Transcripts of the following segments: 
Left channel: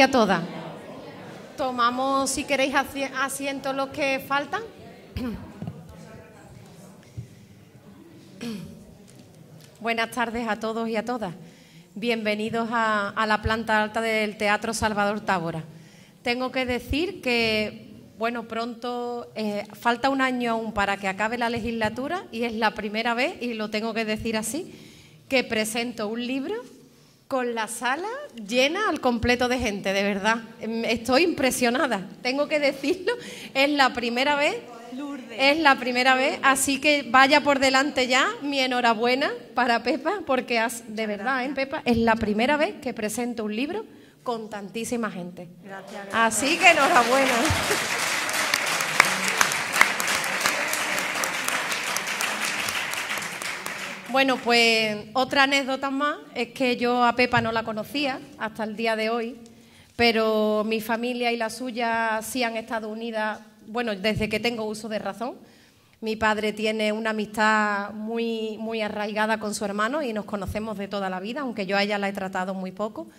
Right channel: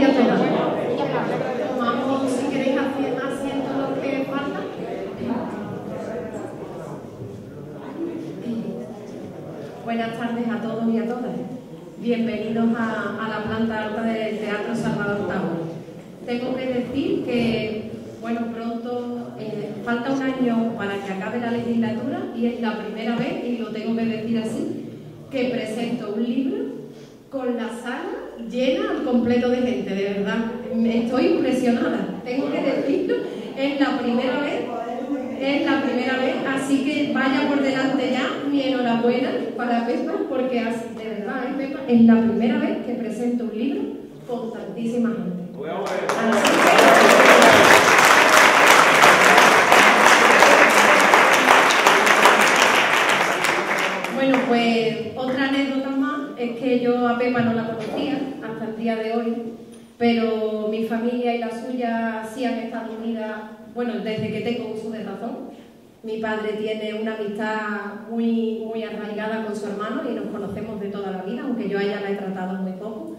y a todas. Tomamos, si queréis, asientos los que faltan. Buenas tardes a todos y a todas. Bienvenidos a la planta alta del Teatro Salvador Tábora. Tengo que decir que, bueno, pronto falta un año para que acabe la legislatura y es la primera vez, y lo tengo que decir así, que presento un libro con la sala llena al completo de gente, de verdad. Estoy impresionada, tengo que decirlo, es la primera vez, así que vaya por delante ya mi enhorabuena para Pepa, porque de verdad, Pepa, es la primera vez que presento un libro con tantísima gente. Así que... Bueno, pues otra anécdota más es que yo a Pepa no la conocía hasta el día de hoy, pero mi familia y la suya sí han estado unidas, bueno, desde que tengo uso de razón. Mi padre tiene una amistad muy arraigada con su hermano y nos conocemos de toda la vida, aunque yo a ella la he tratado muy poco.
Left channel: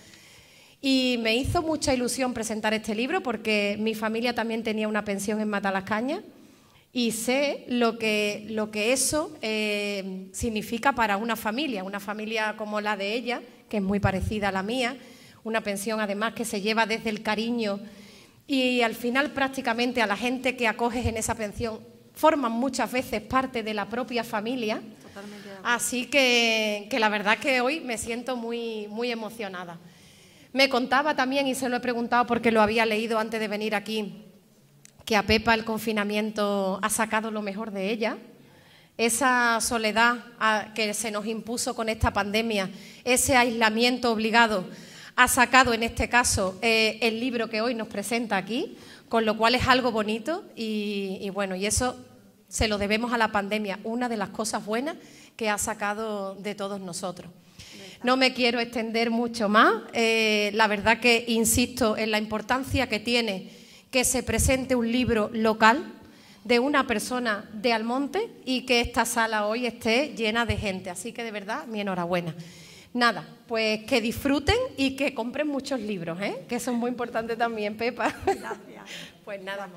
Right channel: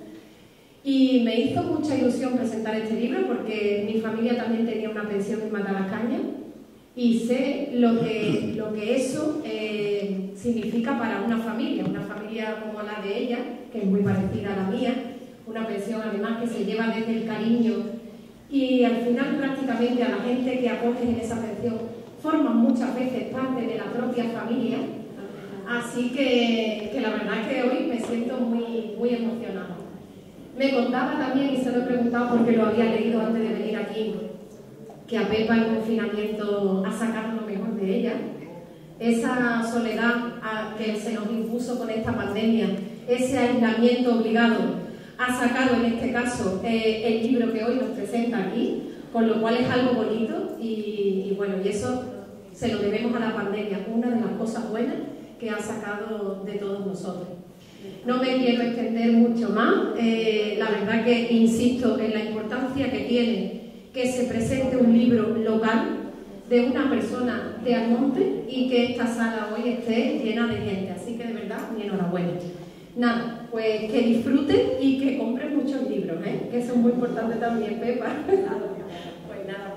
Y me hizo mucha ilusión presentar este libro porque mi familia también tenía una pensión en Matalascañas y sé lo que eso significa para una familia como la de ella, que es muy parecida a la mía, una pensión además que se lleva desde el cariño y al final prácticamente a la gente que acoges en esa pensión forman muchas veces parte de la propia familia, así que la verdad es que hoy me siento muy emocionada. Me contaba también, y se lo he preguntado porque lo había leído antes de venir aquí, que a Pepa el confinamiento ha sacado lo mejor de ella, esa soledad que se nos impuso con esta pandemia, ese aislamiento obligado, ha sacado en este caso el libro que hoy nos presenta aquí, con lo cual es algo bonito y bueno, y eso se lo debemos a la pandemia, una de las cosas buenas que ha sacado de todos nosotros. No me quiero extender mucho más, la verdad que insisto en la importancia que tiene que se presente un libro local de una persona de Almonte y que esta sala hoy esté llena de gente, así que de verdad mi enhorabuena. Nada, pues que disfruten y que compren muchos libros, que eso es muy importante también, Pepa. Pues nada.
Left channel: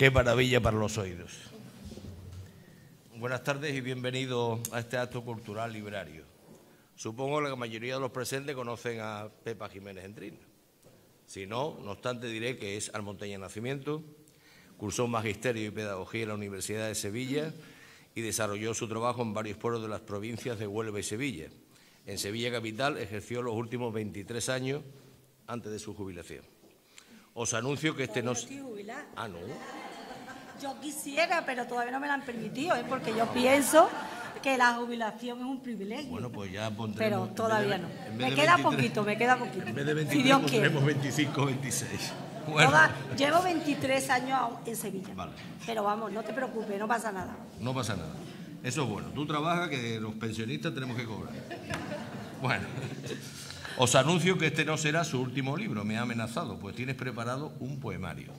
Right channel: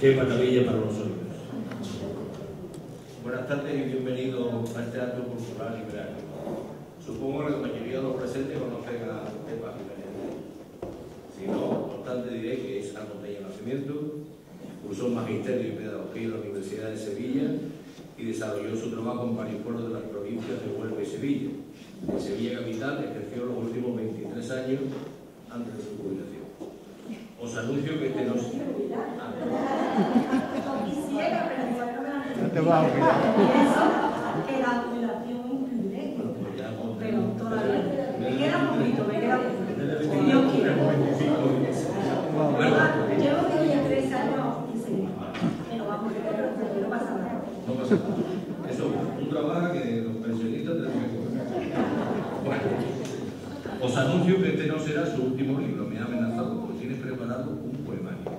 Qué maravilla para los oídos. Buenas tardes y bienvenidos a este acto cultural librario. Supongo que la mayoría de los presentes conocen a Pepa Jiménez Endrín. Si no obstante diré que es almonteña de nacimiento, cursó Magisterio y Pedagogía en la Universidad de Sevilla y desarrolló su trabajo en varios pueblos de las provincias de Huelva y Sevilla. En Sevilla capital ejerció los últimos 23 años antes de su jubilación. Os anuncio que este no se... Yo quisiera, pero todavía no me la han permitido, porque pienso que la jubilación es un privilegio. Bueno, pues ya pondré... Pero todavía no. Me queda poquito, me queda poquito. En vez de 25, Si Dios quiere. 25, 26. Bueno. Llevo 23 años en Sevilla. Pero vamos, no te preocupes, no pasa nada. No pasa nada. Eso es bueno. Tú trabajas que los pensionistas tenemos que cobrar. Bueno. Os anuncio que este no será su último libro, me ha amenazado, pues tienes preparado un poemario.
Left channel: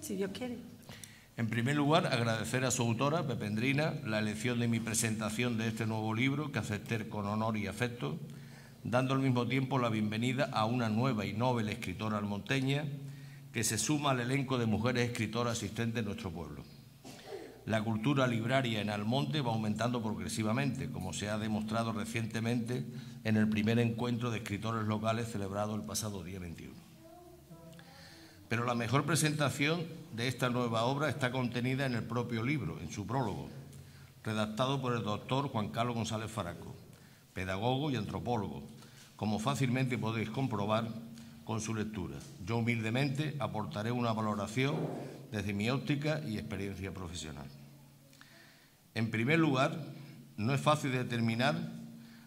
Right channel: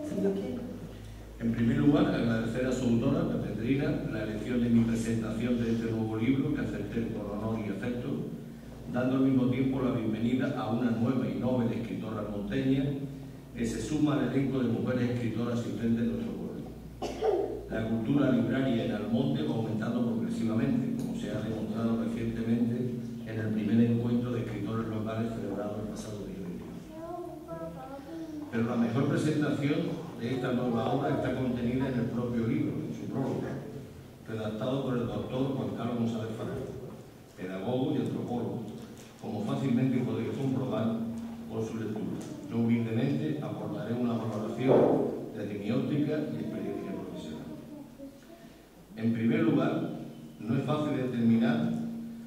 Si Dios quiere. En primer lugar, agradecer a su autora, Pepa Endrina, la elección de mi presentación de este nuevo libro, que acepté con honor y afecto, dando al mismo tiempo la bienvenida a una nueva y noble escritora almonteña que se suma al elenco de mujeres escritoras asistentes de nuestro pueblo. La cultura libraria en Almonte va aumentando progresivamente, como se ha demostrado recientemente en el primer encuentro de escritores locales celebrado el pasado día 21. Pero la mejor presentación de esta nueva obra está contenida en el propio libro, en su prólogo, redactado por el doctor Juan Carlos González Farango, pedagogo y antropólogo, como fácilmente podéis comprobar con su lectura. Yo humildemente aportaré una valoración desde mi óptica y experiencia profesional. En primer lugar, no es fácil determinar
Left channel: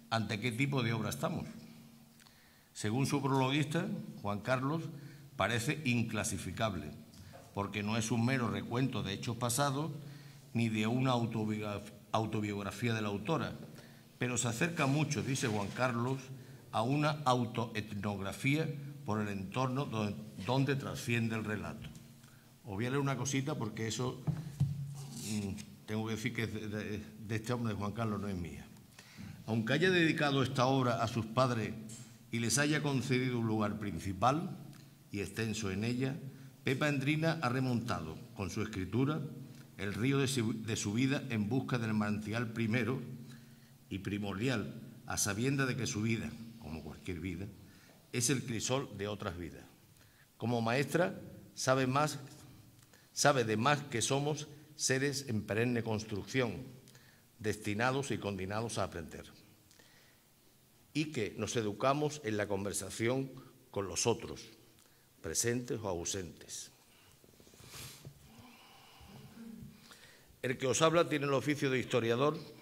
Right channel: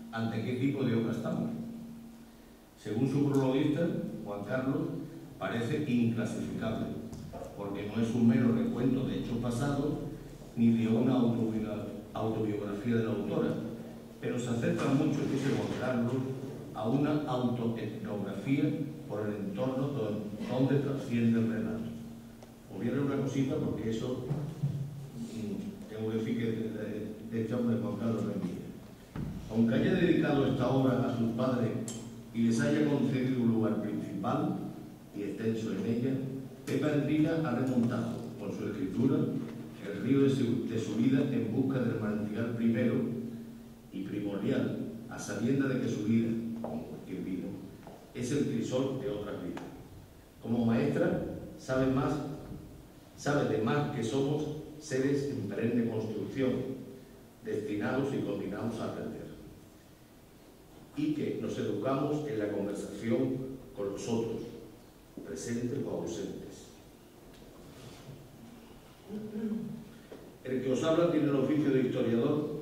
ante qué tipo de obra estamos. Según su prologuista, Juan Carlos, parece inclasificable, porque no es un mero recuento de hechos pasados ni de una autobiografía de la autora, pero se acerca mucho, dice Juan Carlos, a una autoetnografía por el entorno donde trasciende el relato. Os voy a leer una cosita porque eso tengo que decir que es de este hombre, de Juan Carlos, no es mía. Aunque haya dedicado esta obra a sus padres y les haya concedido un lugar principal y extenso en ella, Pepa Endrina ha remontado, con su escritura, el río de su vida en busca del manantial primero y primordial, a sabienda de que su vida, como cualquier vida, es el crisol de otras vidas. Como maestra, sabe de más que somos seres en perenne construcción, destinados y condenados a aprender, y que nos educamos en la conversación con los otros, presentes o ausentes. El que os habla tiene el oficio de historiador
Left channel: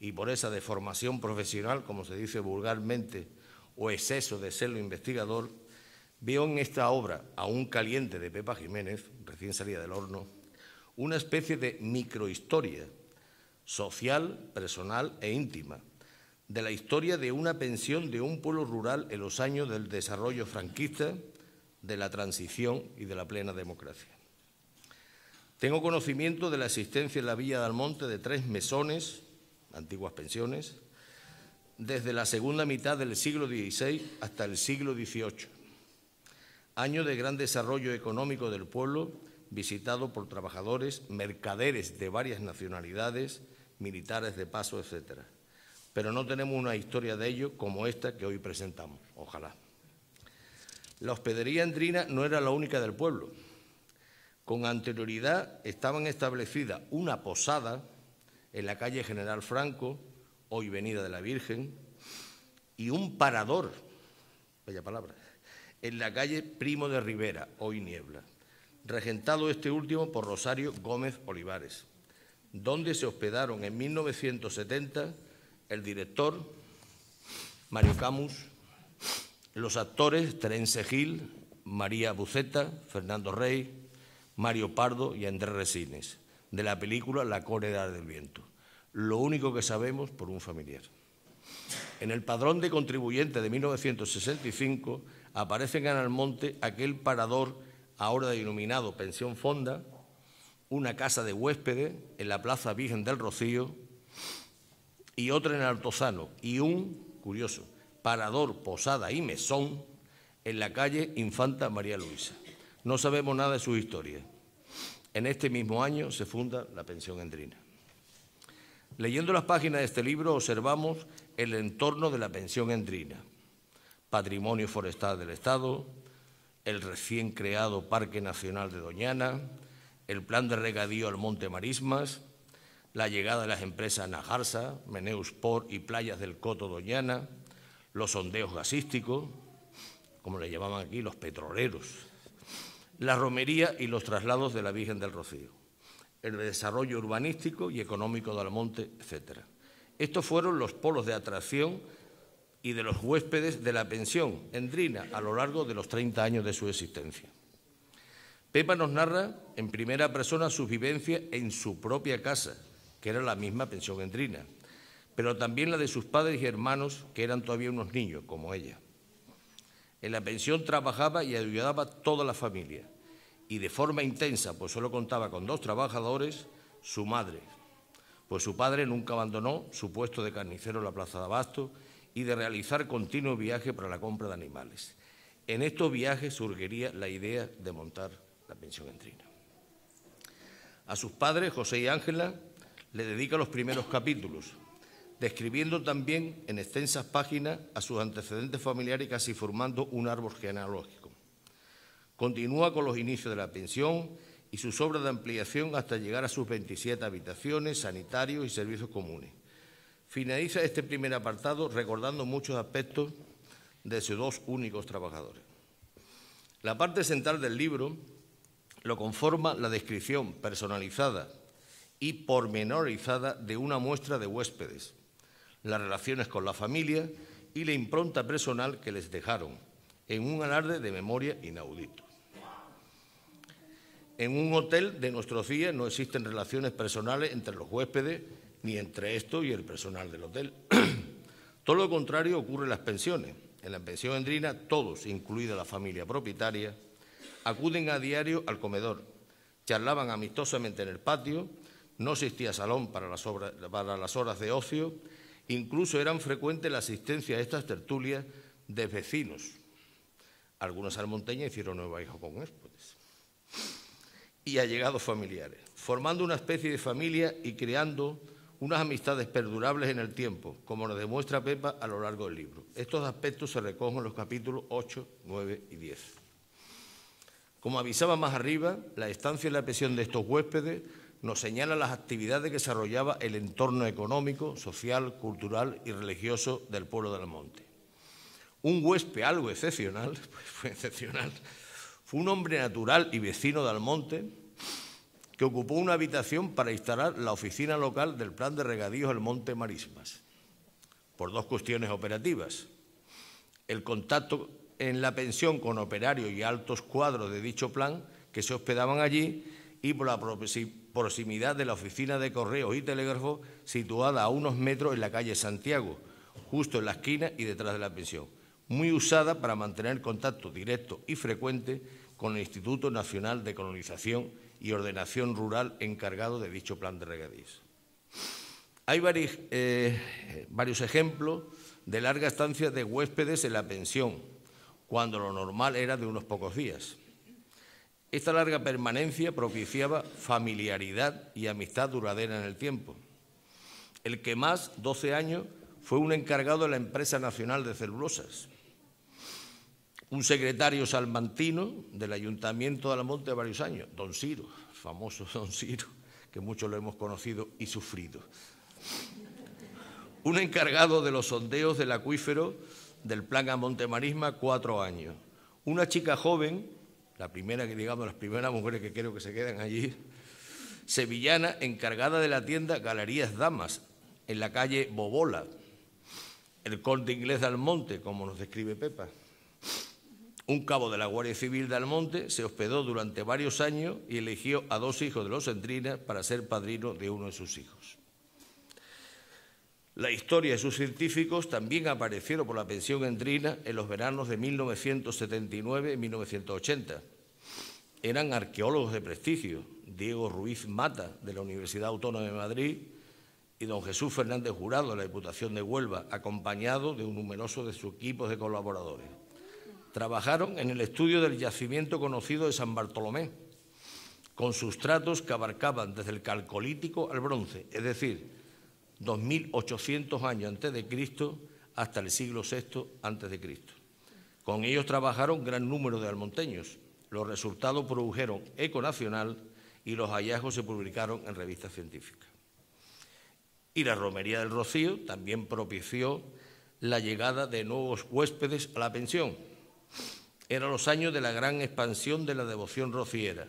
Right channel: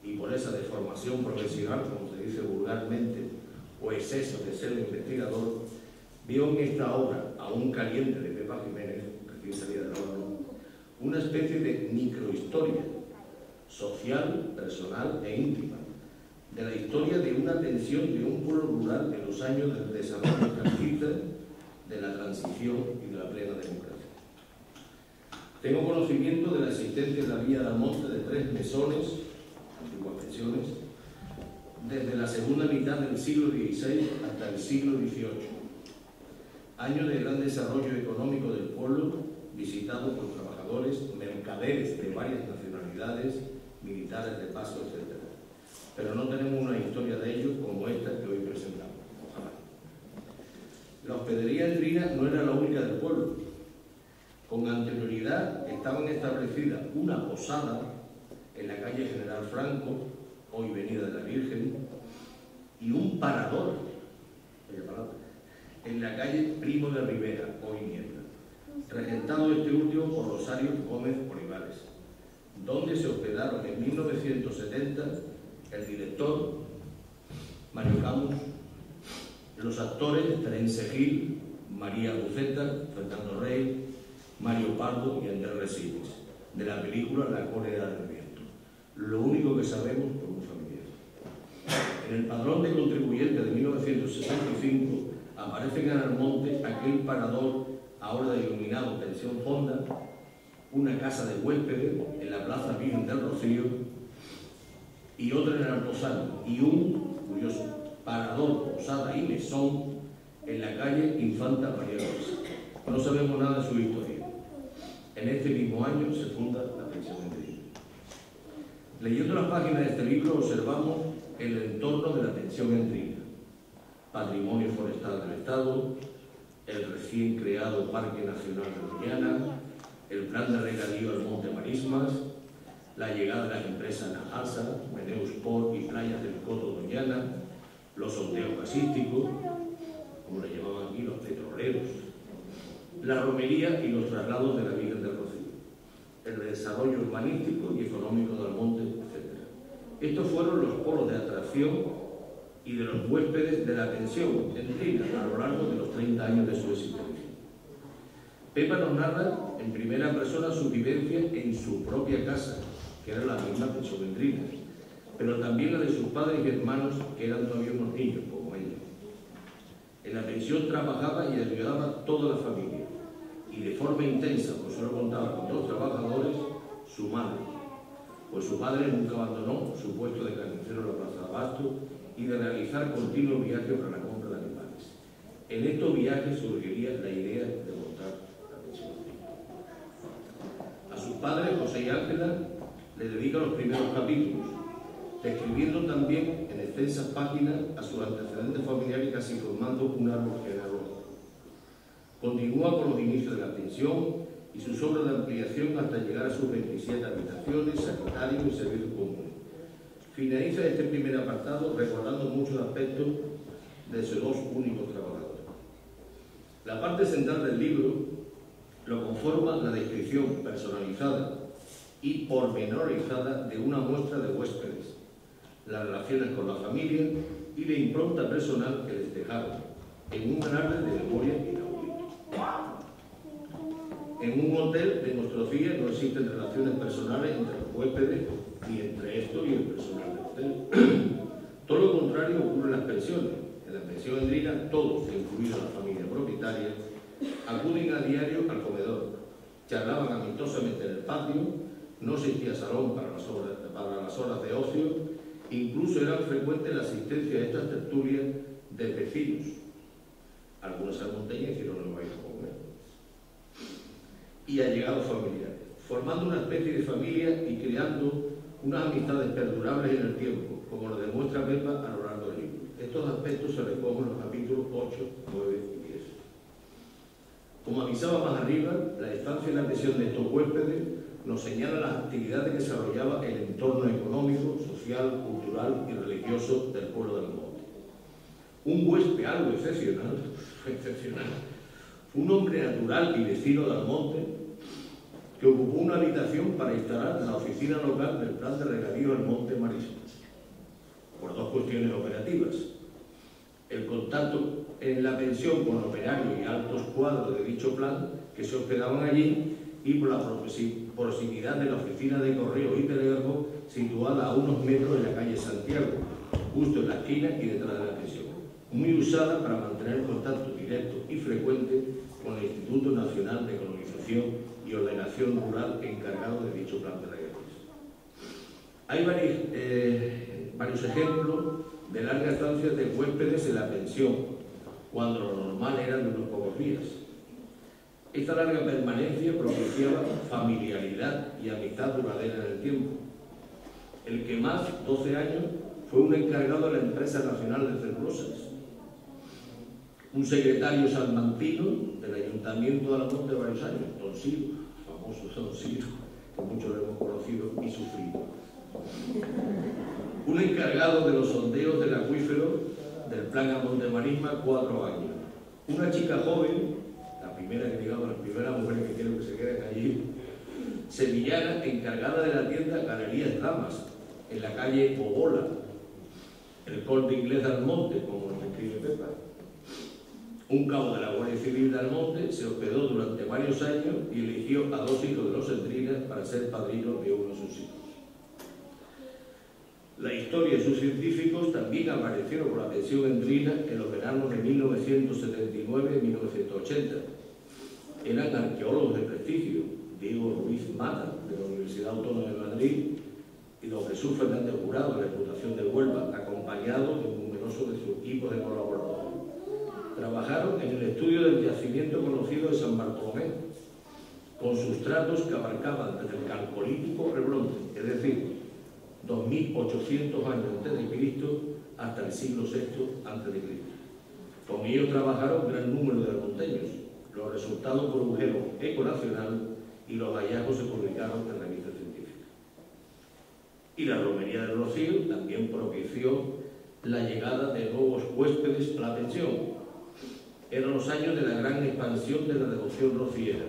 y por esa deformación profesional, como se dice vulgarmente, o exceso de serlo investigador, vio en esta obra, aún caliente, de Pepa Jiménez, recién salida del horno, una especie de microhistoria social, personal e íntima, de la historia de una pensión de un pueblo rural en los años del desarrollo franquista, de la transición y de la plena democracia. Tengo conocimiento de la existencia en la Villa de Almonte de 3 mesones, antiguas pensiones, desde la segunda mitad del siglo XVI hasta el siglo XVIII, año de gran desarrollo económico del pueblo, visitado por trabajadores, mercaderes de varias nacionalidades, militares de paso, etc. Pero no tenemos una historia de ellos como esta que hoy presentamos, ojalá. La hospedería Endrina no era la única del pueblo. Con anterioridad estaban establecidas una posada en la calle General Franco, hoy Avenida de la Virgen, y un parador, bella palabra, en la calle Primo de Rivera, hoy Niebla, regentado este último por Rosario Gómez Olivares, donde se hospedaron en 1970 el director Mario Camus, los actores Terence Gil, María Buceta, Fernando Rey, Mario Pardo y Andrés Resines, de la película La Cólera del Viento. Lo único que sabemos por un familiar. En el padrón de contribuyentes de 1965 aparece en Almonte aquel parador ahora denominado Pensión Fonda, una casa de huéspedes en la Plaza Virgen del Rocío y otra en Altozano, y un, curioso, parador, posada y mesón en la calle Infanta María Luisa. No sabemos nada de su historia. En este mismo año se funda la Pensión Endrina. Leyendo las páginas de este libro observamos el entorno de la Pensión Endrina: patrimonio forestal del Estado, el recién creado Parque Nacional de Doñana, el plan de regadío al Monte Marismas, la llegada de las empresas Najarsa, Meneusport y Playas del Coto Doñana, los sondeos gasísticos, como le llamaban aquí, los petroleros, la romería y los traslados de la Virgen del Rocío, el desarrollo urbanístico y económico del monte, etc. Estos fueron los polos de atracción y de los huéspedes de la Pensión Endrina a lo largo de los 30 años de su existencia. Pepa nos narra en primera persona su vivencia en su propia casa, que era la misma Pensión Endrina, pero también la de sus padres y hermanos, que eran todavía unos niños, como ella. En la pensión trabajaba y ayudaba a toda la familia, y de forma intensa, pues solo contaba con 2 trabajadores, su madre, pues su padre nunca abandonó su puesto de carnicero en la plaza de Abasto y de realizar continuos viajes para la compra de animales. En estos viajes surgiría la idea de montar la Pensión Endrina. A sus padres, José y Ángela, le dedica los primeros capítulos, describiendo también en extensas páginas a sus antecedentes familiares y casi formando un árbol genealógico. Continúa con los inicios de la pensión y sus obras de ampliación hasta llegar a sus 27 habitaciones, sanitarios y servicios comunes. Finaliza este primer apartado recordando muchos aspectos de sus 2 únicos trabajadores. La parte central del libro lo conforma la descripción personalizada y pormenorizada de una muestra de huéspedes, las relaciones con la familia y la impronta personal que les dejaron, en un alarde de memoria inaudito. En un hotel de nuestros días no existen relaciones personales entre los huéspedes, ni entre estos y el personal del hotel. Todo lo contrario ocurre en las pensiones. En la Pensión Endrina, todos, incluida la familia propietaria, acuden a diario al comedor, charlaban amistosamente en el patio, no existía salón para las horas de ocio, incluso eran frecuentes la asistencia a estas tertulias de vecinos. Algunos almonteños hicieron nueva hija con él. Y allegados familiares, formando una especie de familia y creando unas amistades perdurables en el tiempo, como lo demuestra Pepa a lo largo del libro. Estos aspectos se recogen en los capítulos 8, 9 y 10. Como avisaba más arriba, la estancia y la pensión de estos huéspedes nos señala las actividades que desarrollaba el entorno económico, social, cultural y religioso del pueblo del monte. Un huésped algo excepcional, fue un hombre natural y vecino de Almonte que ocupó una habitación para instalar la oficina local del plan de regadíos del Monte Marismas, por 2 cuestiones operativas: el contacto en la pensión con operarios y altos cuadros de dicho plan que se hospedaban allí, y por la proximidad de la oficina de correos y telégrafo situada a unos metros en la calle Santiago, justo en la esquina y detrás de la pensión, muy usada para mantener contacto directo y frecuente con el Instituto Nacional de Colonización y Ordenación Rural encargado de dicho plan de regadíos. Hay varios ejemplos de larga estancia de huéspedes en la pensión, cuando lo normal era de unos pocos días. Esta larga permanencia propiciaba familiaridad y amistad duradera en el tiempo. El que más, 12 años, fue un encargado de la Empresa Nacional de Celulosas, un secretario salmantino del Ayuntamiento de Almonte varios años, don Ciro, famoso don Ciro, que muchos lo hemos conocido y sufrido. Un encargado de los sondeos del acuífero del plan a Monte Marisma, 4 años. Una chica joven, la primera que digamos, las primeras mujeres que quiero que se queden allí, sevillana, encargada de la tienda Galerías Damas, en la calle Bobola, el Corte Inglés de Almonte, como nos describe Pepa. Un cabo de la Guardia Civil de Almonte se hospedó durante varios años y eligió a 2 hijos de los Endrinas para ser padrino de uno de sus hijos. La historia de sus científicos también aparecieron por la Pensión Endrina en los veranos de 1979 y 1980. Eran arqueólogos de prestigio: Diego Ruiz Mata, de la Universidad Autónoma de Madrid, y don Jesús Fernández Jurado, de la Diputación de Huelva, acompañado de un numeroso de sus equipos de colaboradores. Trabajaron en el estudio del yacimiento conocido de San Bartolomé, con sustratos que abarcaban desde el Calcolítico al Bronce, es decir, 2800 años antes de Cristo hasta el siglo VI antes de Cristo. Con ellos trabajaron gran número de almonteños. Los resultados produjeron eco nacional y los hallazgos se publicaron en revistas científicas. Y la romería del Rocío también propició la llegada de nuevos huéspedes a la pensión. Eran los años de la gran expansión de la devoción rociera,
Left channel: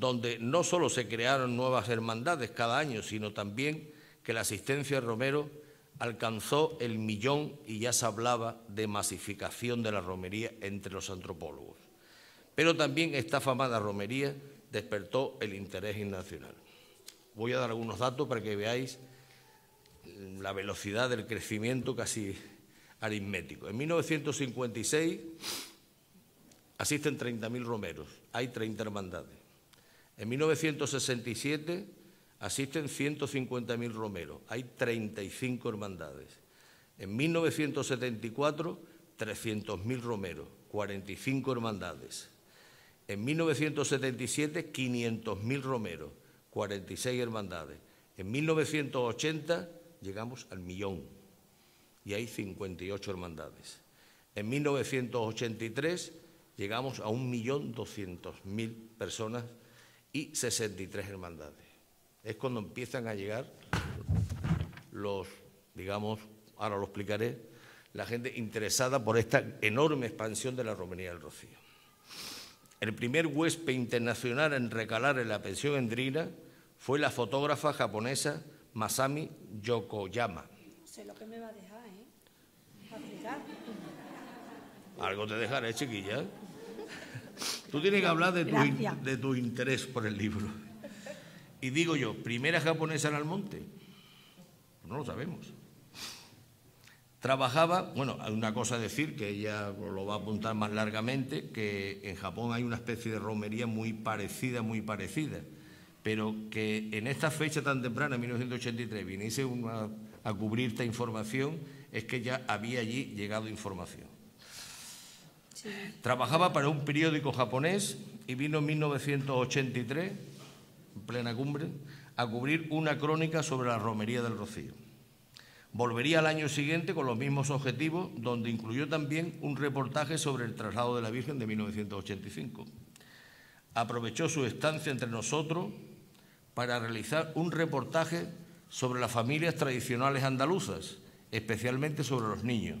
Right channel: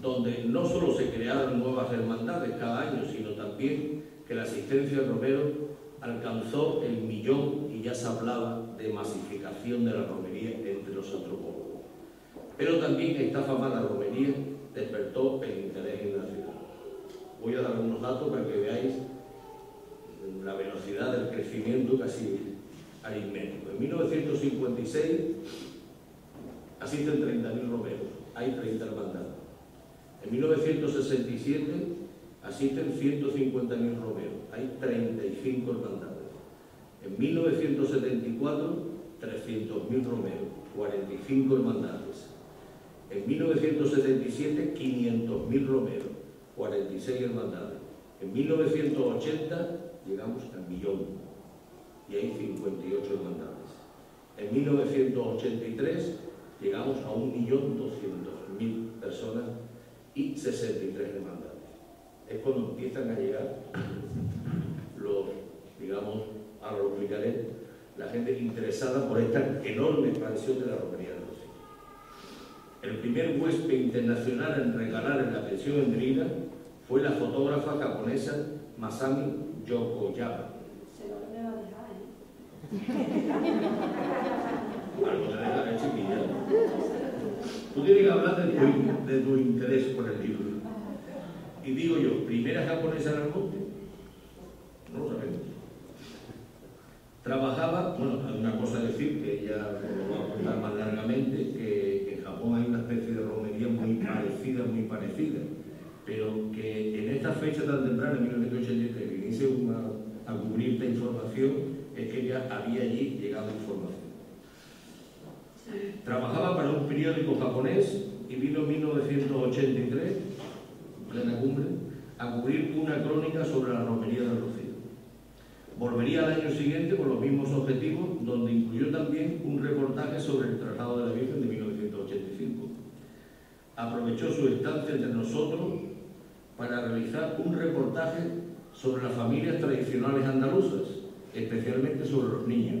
donde no solo se crearon nuevas hermandades cada año, sino también que la asistencia al romero alcanzó el 1.000.000 y ya se hablaba de masificación de la romería entre los antropólogos. Pero también esta afamada romería despertó el interés nacional. Voy a dar algunos datos para que veáis la velocidad del crecimiento casi aritmético. En 1956 asisten 30.000 romeros, hay 30 hermandades. En 1967 asisten 150.000 romeros, hay 35 hermandades. En 1974, 300.000 romeros, 45 hermandades. En 1977, 500.000 romeros, 46 hermandades. En 1980 llegamos al 1.000.000 y hay 58 hermandades. En 1983 llegamos a 1.200.000 personas y 63 hermandades. Es cuando empiezan a llegar los, digamos, ahora lo explicaré, la gente interesada por esta enorme expansión de la romería del Rocío. El primer huésped internacional en recalar en la pensión endrina fue la fotógrafa japonesa Masami Yokoyama. Algo te dejaré, chiquilla. Tú tienes que hablar de tu interés por el libro. Y digo yo, ¿primera japonesa en el monte? No lo sabemos. Trabajaba, bueno, hay una cosa a decir, que ella lo va a apuntar más largamente, que en Japón hay una especie de romería muy parecida, pero que en esta fecha tan temprana, 1983, viniese a cubrir esta información, es que ya había allí llegado información. Trabajaba para un periódico japonés y vino en 1983, en plena cumbre, a cubrir una crónica sobre la romería del Rocío. Volvería al año siguiente con los mismos objetivos, donde incluyó también un reportaje sobre el traslado de la Virgen de 1985. Aprovechó su estancia entre nosotros para realizar un reportaje sobre las familias tradicionales andaluzas, especialmente sobre los niños,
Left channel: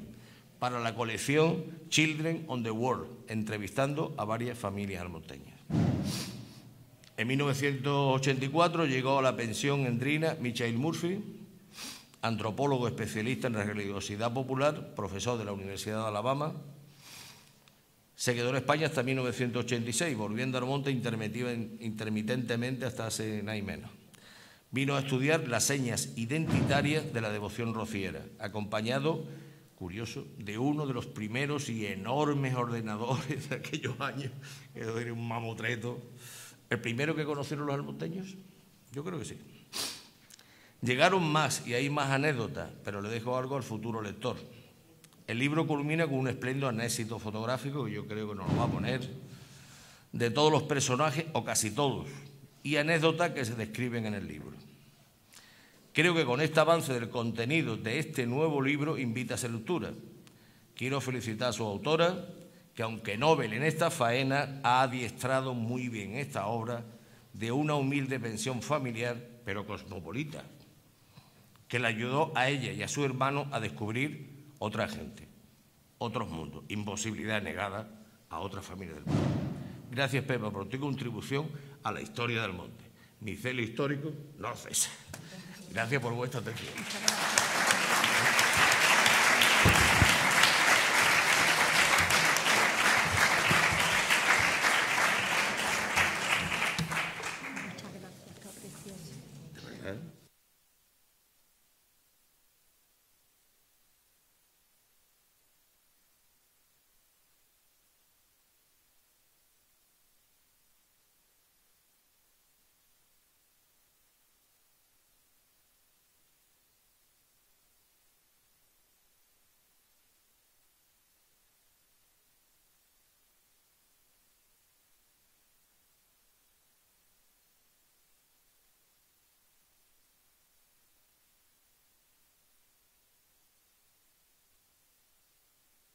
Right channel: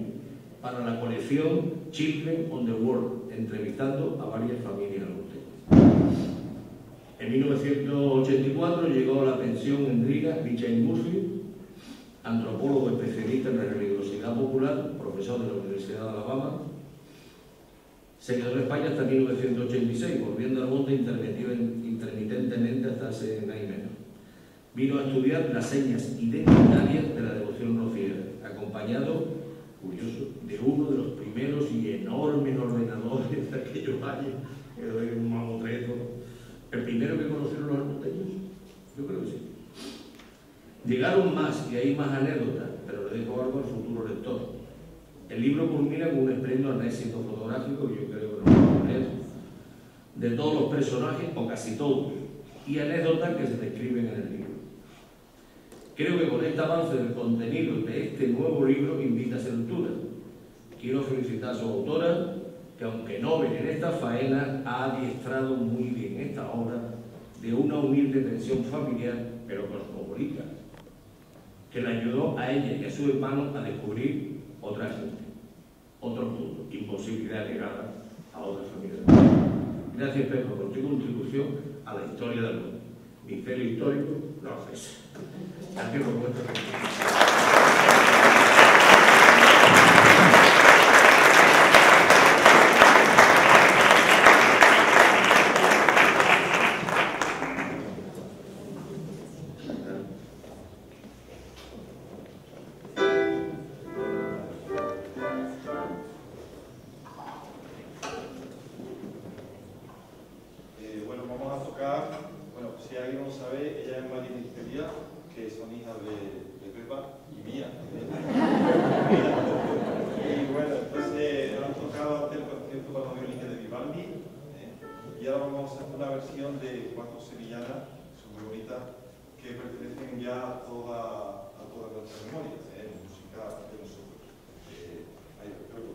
para la colección Children on the World, entrevistando a varias familias almonteñas. En 1984 llegó a la pensión endrina Michael Murphy, antropólogo especialista en la religiosidad popular, profesor de la Universidad de Alabama. Se quedó en España hasta 1986, volviendo al monte intermitentemente hasta hace nada y menos. Vino a estudiar las señas identitarias de la devoción rociera, acompañado, curioso, de uno de los primeros y enormes ordenadores de aquellos años, que era un mamotreto. ¿El primero que conocieron los almonteños? Yo creo que sí. Llegaron más y hay más anécdotas, pero le dejo algo al futuro lector. El libro culmina con un espléndido anécdota fotográfico que yo creo que nos va a poner de todos los personajes, o casi todos, y anécdotas que se describen en el libro. Creo que con este avance del contenido de este nuevo libro invita a su lectura. Quiero felicitar a su autora, que aunque novel en esta faena, ha adiestrado muy bien esta obra de una humilde pensión familiar, pero cosmopolita, que le ayudó a ella y a su hermano a descubrir otra gente, otros mundos, imposibilidad negada a otra familia del mundo. Gracias, Pepe, por tu contribución a la historia del monte. Mi celo histórico no cesa. Gracias por vuestra atención. Si alguien no sabe, ella es María Misteria, que son hijas de Pepa y mía. recopilación de cuatro sevillanas, son muy bonitas, que pertenecen ya a toda nuestra memoria, música de nosotros. Ahí lo creo.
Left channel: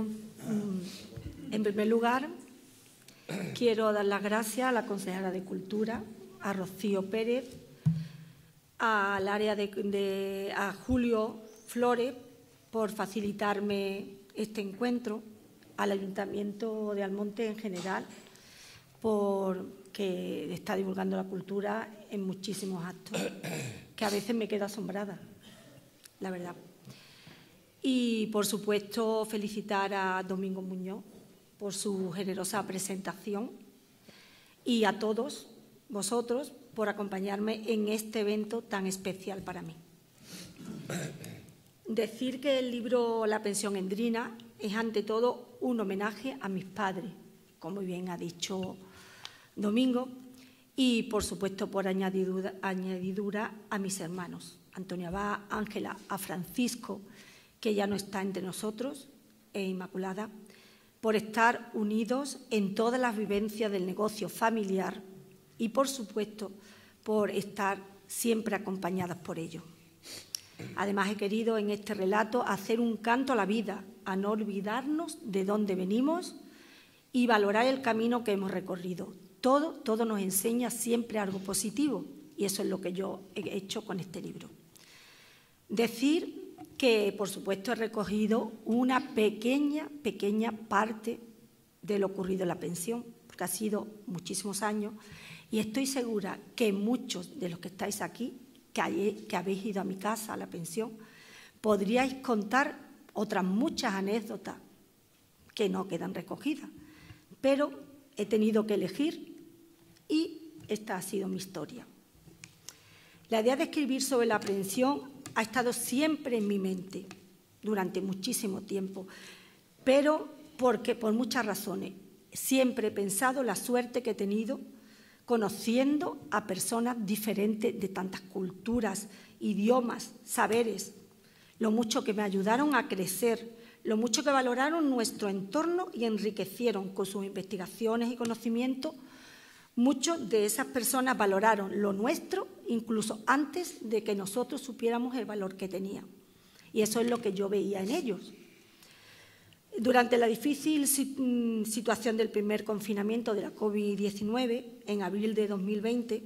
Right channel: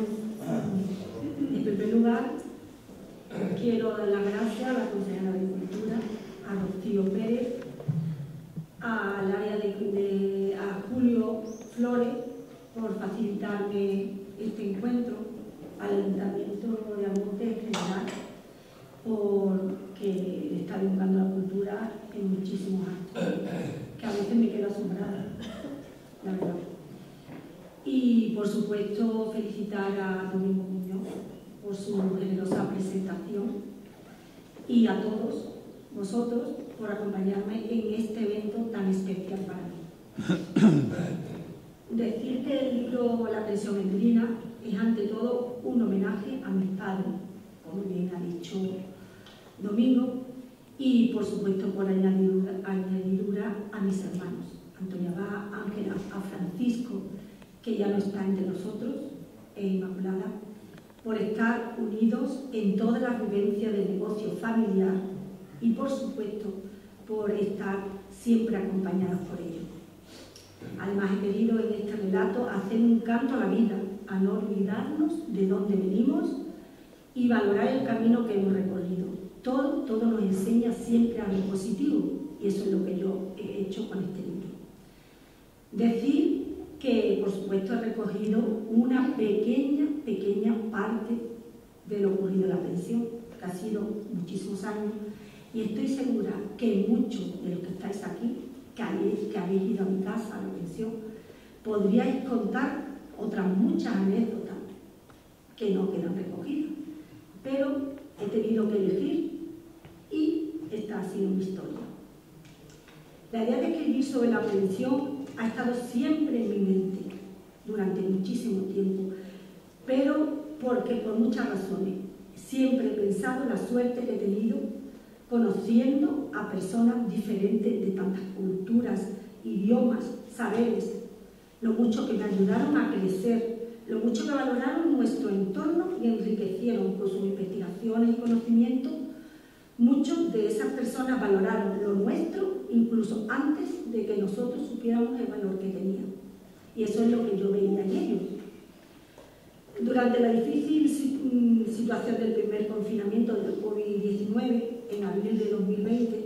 Bueno, en primer lugar, quiero dar las gracias a la consejera de Cultura, a Rocío Pérez, al área a Julio Flores por facilitarme este encuentro, al Ayuntamiento de Almonte en general, porque está divulgando la cultura en muchísimos actos, que a veces me quedo asombrada, la verdad. Y, por supuesto, felicitar a Domingo Muñoz por su generosa presentación y a todos vosotros por acompañarme en este evento tan especial para mí. Decir que el libro La pensión endrina es, ante todo, un homenaje a mis padres, como bien ha dicho Domingo, y, por supuesto, por añadidura a mis hermanos, Antonio Abad, Ángela, a Francisco, que ya no está entre nosotros, e Inmaculada, por estar unidos en todas las vivencias del negocio familiar y, por supuesto, por estar siempre acompañadas por ellos. Además, he querido en este relato hacer un canto a la vida, a no olvidarnos de dónde venimos y valorar el camino que hemos recorrido. Todo nos enseña siempre algo positivo, y eso es lo que yo he hecho con este libro. Decir que, por supuesto, he recogido una pequeña parte de lo ocurrido en la pensión, porque ha sido muchísimos años, y estoy segura que muchos de los que estáis aquí, que habéis ido a mi casa, a la pensión, podríais contar otras muchas anécdotas que no quedan recogidas, pero he tenido que elegir y esta ha sido mi historia. La idea de escribir sobre la pensión ha estado siempre en mi mente durante muchísimo tiempo, pero porque por muchas razones. Siempre he pensado la suerte que he tenido conociendo a personas diferentes de tantas culturas, idiomas, saberes, lo mucho que me ayudaron a crecer, lo mucho que valoraron nuestro entorno y enriquecieron con sus investigaciones y conocimientos. Muchos de esas personas valoraron lo nuestro incluso antes de que nosotros supiéramos el valor que tenían. Y eso es lo que yo veía en ellos. Durante la difícil situación del primer confinamiento de la COVID-19, en abril de 2020,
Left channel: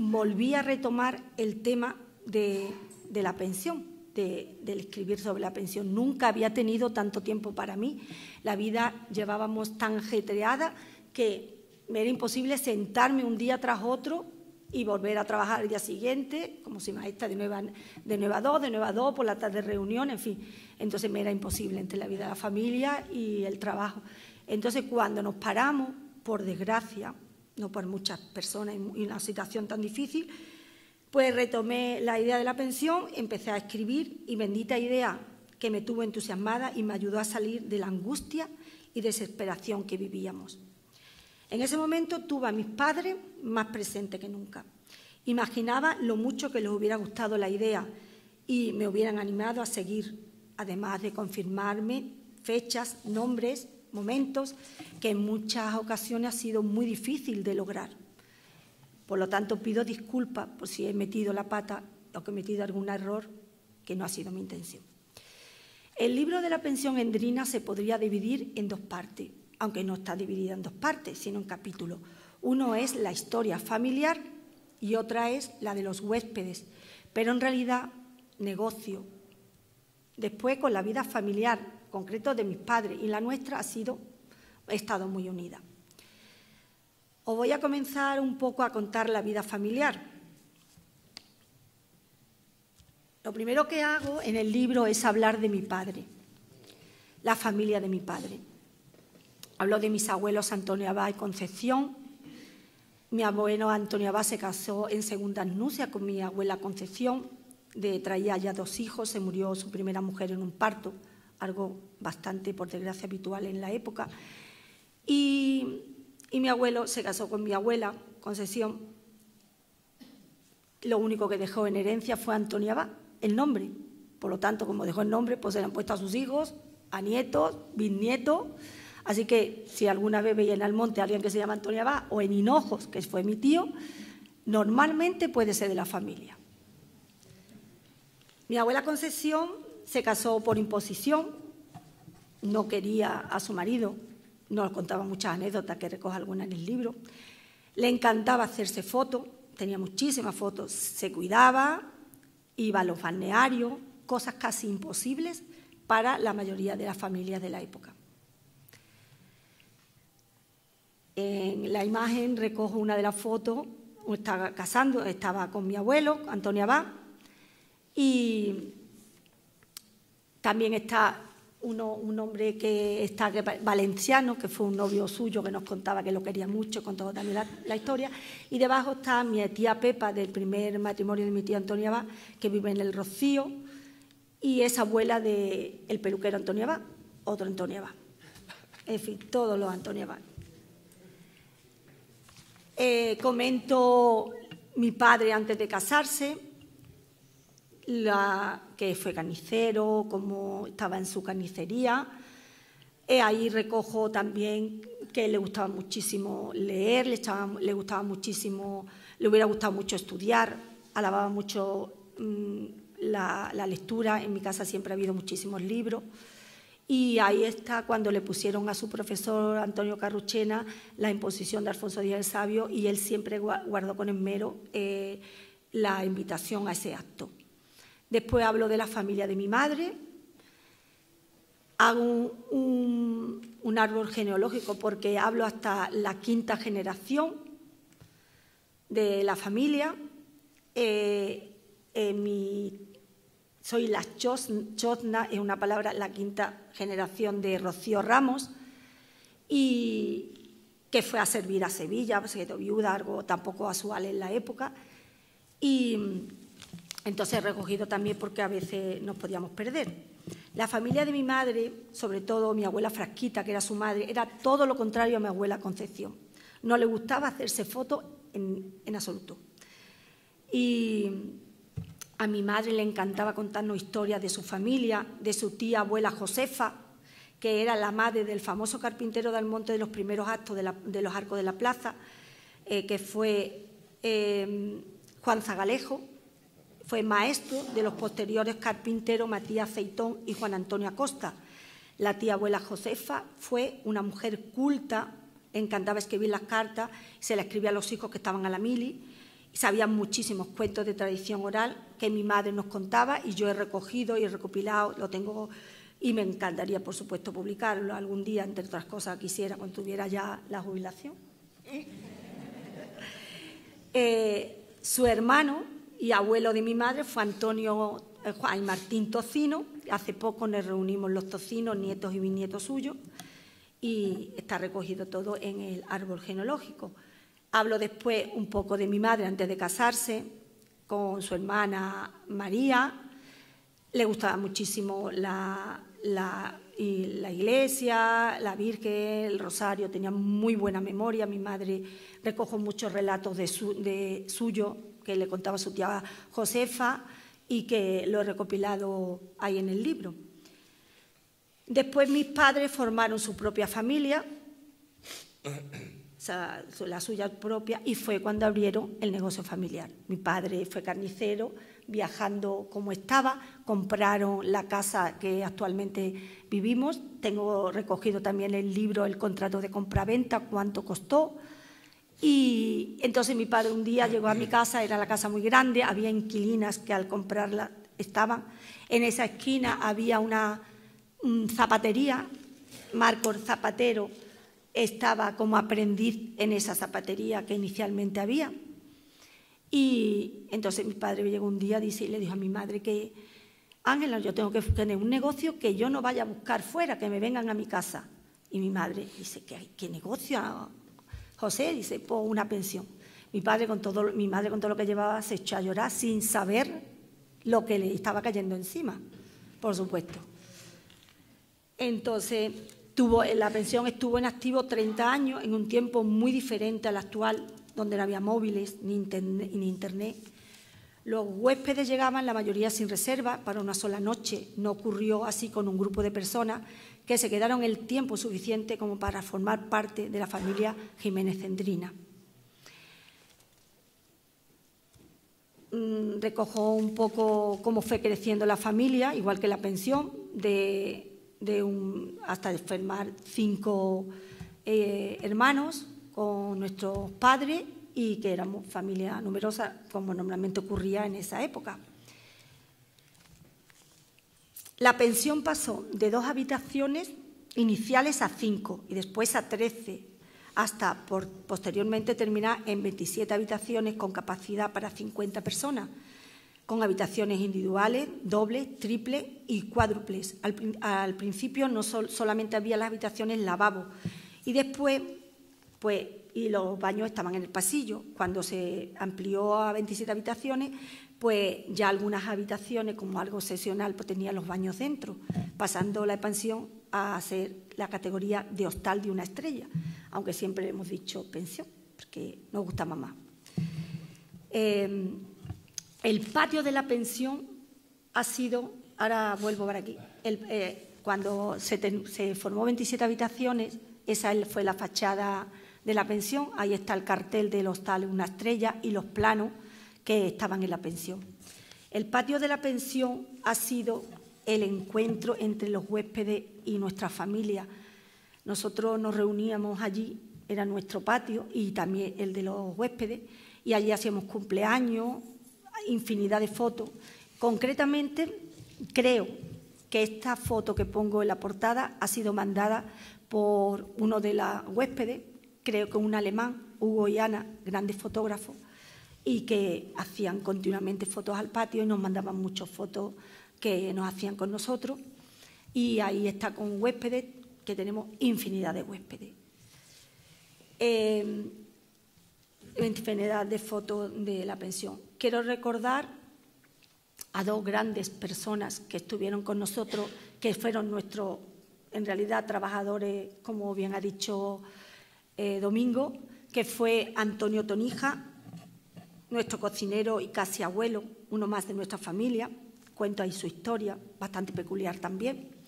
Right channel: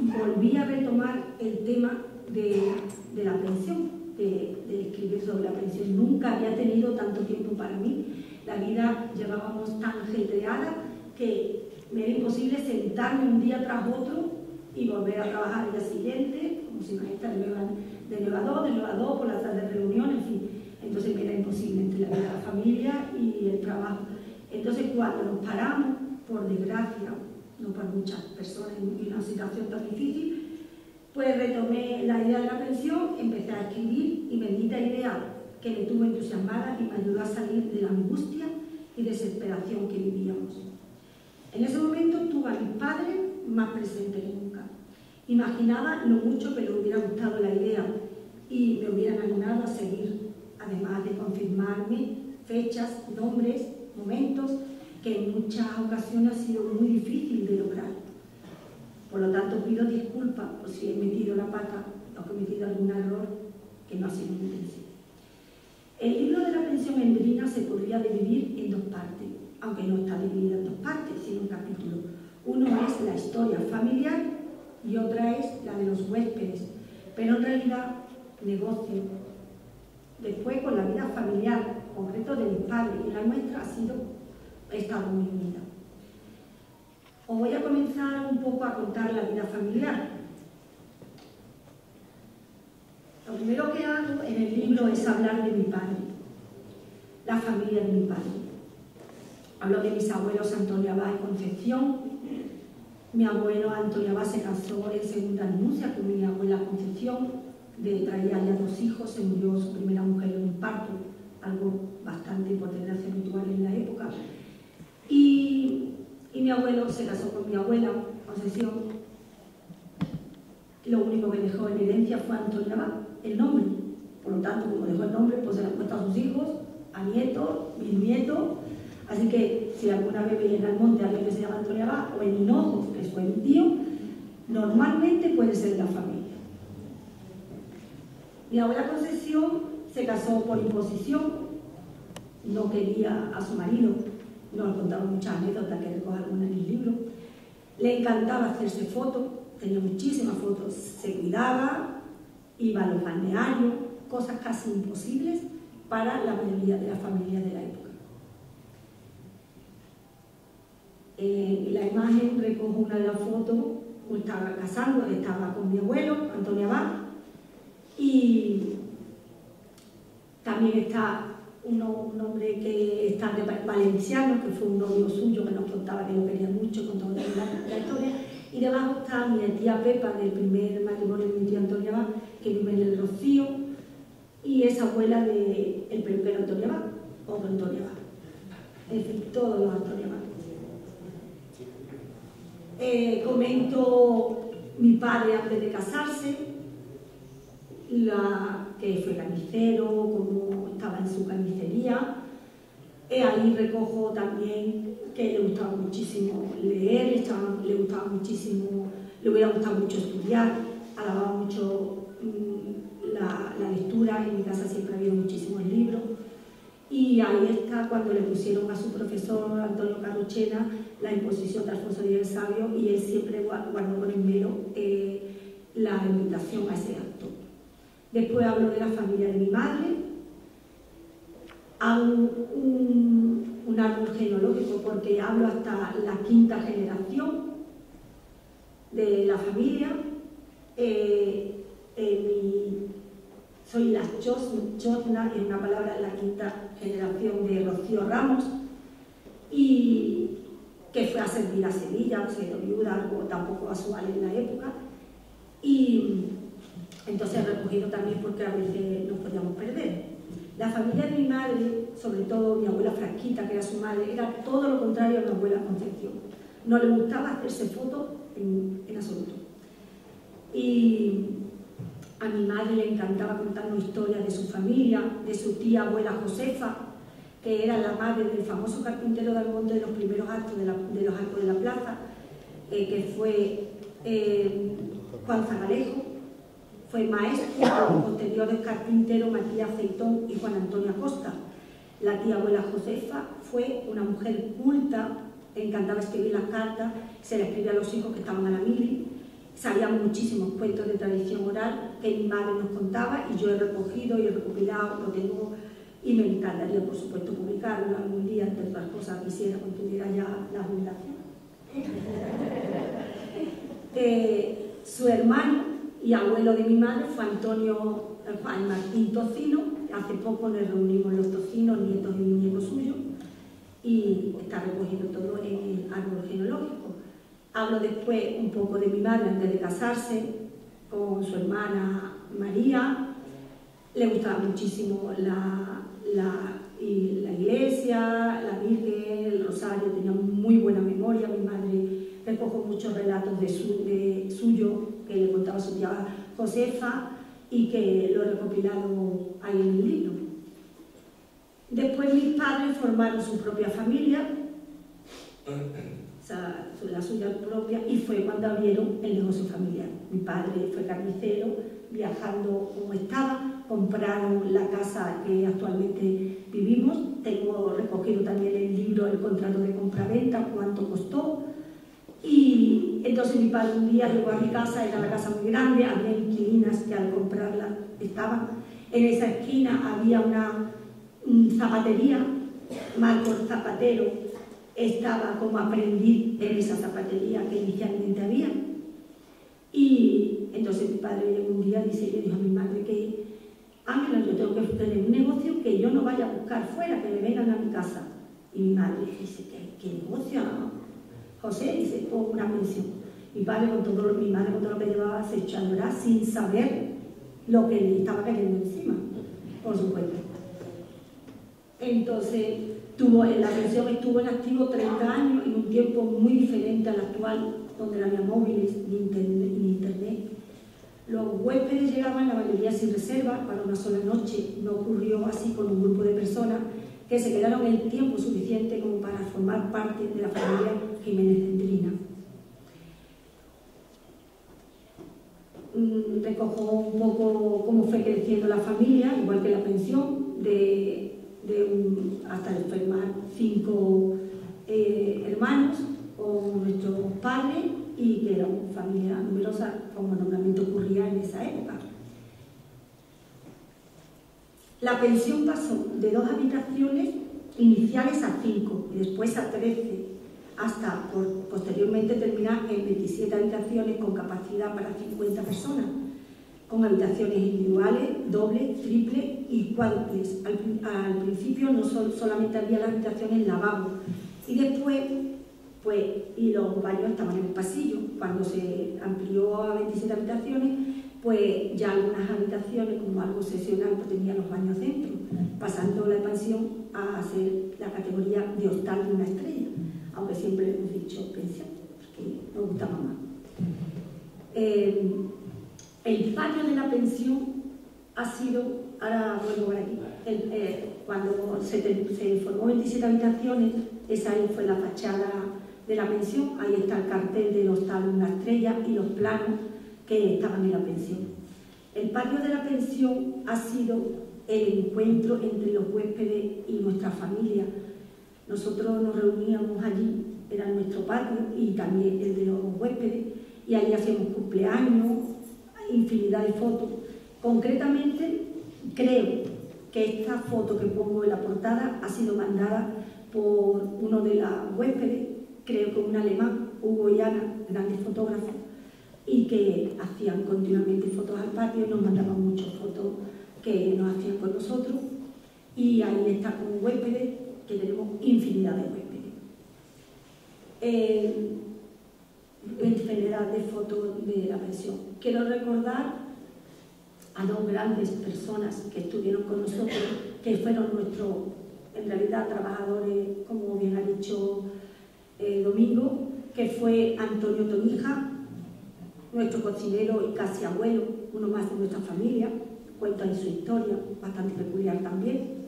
volví a retomar el tema de la pensión, del escribir sobre la pensión. Nunca había tenido tanto tiempo para mí. La vida llevábamos tan ajetreada que me era imposible sentarme un día tras otro y volver a trabajar al día siguiente, como si maestra de 9 a 2, por la tarde reunión, en fin. Entonces me era imposible entre la vida de la familia y el trabajo. Entonces, cuando nos paramos, por desgracia, no por muchas personas en una situación tan difícil, pues retomé la idea de la pensión, empecé a escribir y bendita idea que me tuvo entusiasmada y me ayudó a salir de la angustia y desesperación que vivíamos. En ese momento tuve a mis padres más presentes que nunca. Imaginaba lo mucho que les hubiera gustado la idea y me hubieran animado a seguir, además de confirmarme fechas, nombres, momentos que en muchas ocasiones ha sido muy difícil de lograr. Por lo tanto, pido disculpas por si he metido la pata o que he metido algún error que no ha sido mi intención. El libro de la pensión endrina se podría dividir en 2 partes, aunque no está dividida en 2 partes, sino en capítulos. Uno es la historia familiar y otra es la de los huéspedes, pero en realidad negocio. Después, con la vida familiar, concreto de mis padres y la nuestra, ha estado muy unida. Os voy a comenzar un poco a contar la vida familiar. Lo primero que hago en el libro es hablar de mi padre, la familia de mi padre. Hablo de mis abuelos Antonio Abad y Concepción. Mi abuelo Antonio Abad se casó en segunda nupcia con mi abuela Concepción. Traía ya 2 hijos, se murió su primera mujer en un parto, algo bastante, por desgracia, habitual en la época. Y mi abuelo se casó con mi abuela Concepción. Lo único que dejó en herencia fue Antonio Abad, el nombre. Por lo tanto, como dejó el nombre, pues se lo han puesto a sus hijos, a nietos, bisnietos. Así que si alguna vez veis en Almonte a alguien que se llama Antonio Abad, o en Hinojos, que fue mi tío, normalmente puede ser de la familia. Mi abuela Concepción se casó por imposición no quería a su marido, nos contaba muchas anécdotas que recoge algunas en el libro. Le encantaba hacerse fotos, tenía muchísimas fotos, se cuidaba, iba a los balnearios, cosas casi imposibles para la mayoría de las familias de la época. En la imagen recojo una de las fotos, estaba casando, estaba con mi abuelo, Antonio Abad, y también está un hombre que está valenciano, que fue un novio suyo que nos contaba que lo quería mucho, contó también la historia, y debajo está mi tía Pepa, del primer matrimonio de mi tía Antonia Abad, que vive en el Rocío, y es abuela del peluquero Antonio Abad, otro Antonio Abad. En fin, todos los Antonio Abad. Comento mi padre antes de casarse, que fue carnicero, cómo estaba en su carnicería. Ahí recojo también que le gustaba muchísimo leer, le gustaba muchísimo, le hubiera gustado mucho estudiar, alababa mucho la lectura. En mi casa siempre ha habido muchísimos libros. Y ahí está cuando le pusieron a su profesor Antonio Carruchena la imposición de Alfonso Díaz el Sabio, y él siempre guardó con esmero la invitación a ese acto. Después hablo de la familia de mi madre, hago un árbol genealógico porque hablo hasta la quinta generación de la familia. Soy la Chotna, es una palabra, la quinta generación de Rocío Ramos, y que fue a servir a Sevilla, se quedó viuda, algo tampoco casual en la época, y entonces he recogido también porque a veces nos podíamos perder. La familia de mi madre, sobre todo mi abuela Frasquita, que era su madre, era todo lo contrario a mi abuela Concepción. No le gustaba hacerse fotos en absoluto. Y a mi madre le encantaba contarnos historias de su familia, de su tía abuela Josefa, que era la madre del famoso carpintero de Almonte de los primeros actos de los arcos de la plaza, que fue Juan Zagalejo, fue maestro de los posteriores carpinteros Matías Aceitón y Juan Antonio Acosta. La tía abuela Josefa fue una mujer culta, encantaba escribir las cartas, se las escribía a los hijos que estaban a la mili. Sabía muchísimos cuentos de tradición oral que mi madre nos contaba, y yo he recogido y he recopilado, lo tengo, y me encantaría, por supuesto, publicarlo algún día. Entre otras cosas, quisiera cuando tuviera ya la jubilación. Su hermano y abuelo de mi madre fue Juan Martín Tocino. Hace poco nos reunimos los Tocinos, nietos y bisnietos suyos, y está recogido todo en el árbol genealógico. Hablo después un poco de mi madre antes de casarse, con su hermana María. Le gustaba muchísimo la iglesia, la Virgen, el rosario, tenía muy buena memoria. Mi madre recojo muchos relatos de suyo que le contaba su tía Josefa, y que lo he recopilado ahí en el libro. Después mis padres formaron su propia familia, la suya propia, y fue cuando abrieron el negocio familiar. Mi padre fue carnicero, viajando como estaba, compraron la casa que actualmente vivimos. Tengo recogido también el libro, el contrato de compra-venta, cuánto costó. Y entonces mi padre un día llegó a mi casa, era la casa muy grande, había inquilinas que al comprarla estaban. En esa esquina había una zapatería, Marcos Zapatero estaba como aprendiz en esa zapatería que inicialmente había. Y entonces mi padre llegó un día y le dijo a mi madre que, Ángela, yo tengo que tener un negocio que yo no vaya a buscar fuera, que me vengan a mi casa. Y mi madre dice, ¿qué negocio, José? Dice, pues una pensión. Mi madre con todo lo que llevaba se echó a llorar sin saber lo que le estaba cayendo encima, por supuesto. Entonces, la pensión estuvo en activo 30 años, en un tiempo muy diferente al actual, donde no había móviles ni internet. Los huéspedes llegaban, la mayoría sin reserva, para una sola noche. No ocurrió así con un grupo de personas que se quedaron el tiempo suficiente como para formar parte de la familia Jiménez Cendrina. Recojo un poco cómo fue creciendo la familia, igual que la pensión, de hasta enfermar 5 hermanos con nuestros padres y que éramos familia numerosa, como normalmente ocurría en esa época. La pensión pasó de 2 habitaciones iniciales a 5 y después a 13, hasta posteriormente terminar en 27 habitaciones con capacidad para 50 personas, con habitaciones individuales, dobles, triples y cuádruples. Al principio no solamente había las habitaciones lavabo y después, pues, y los baños estaban en el pasillo. Cuando se amplió a 27 habitaciones, pues ya algunas habitaciones, como algo excepcional, pues tenían los baños dentro, pasando la expansión a ser la categoría de hostal de 1 estrella, aunque siempre le hemos dicho pensión, porque nos gustaba más. El patio de la pensión ha sido, ahora vuelvo para aquí, cuando se formó 27 habitaciones, esa fue la fachada de la pensión, ahí está el cartel del hostal 1 estrella y los planos que estaban en la pensión. El patio de la pensión ha sido el encuentro entre los huéspedes y nuestra familia. Nosotros nos reuníamos allí, era nuestro patio y también el de los huéspedes, y allí hacíamos cumpleaños, infinidad de fotos. Concretamente, creo que esta foto que pongo en la portada ha sido mandada por uno de los huéspedes, creo que un alemán, Hugo y Ana, grandes fotógrafos, y que hacían continuamente fotos al patio y nos mandaban muchas fotos que nos hacían con nosotros. Y ahí está con huéspedes, que tenemos infinidad de huéspedes. Infinidad de fotos de la pensión. Quiero recordar a 2 grandes personas que estuvieron con nosotros, que fueron nuestros, en realidad, trabajadores, como bien ha dicho Domingo, que fue Antonio Tonija, nuestro cocinero y casi abuelo, uno más de nuestra familia, cuenta ahí su historia, bastante peculiar también,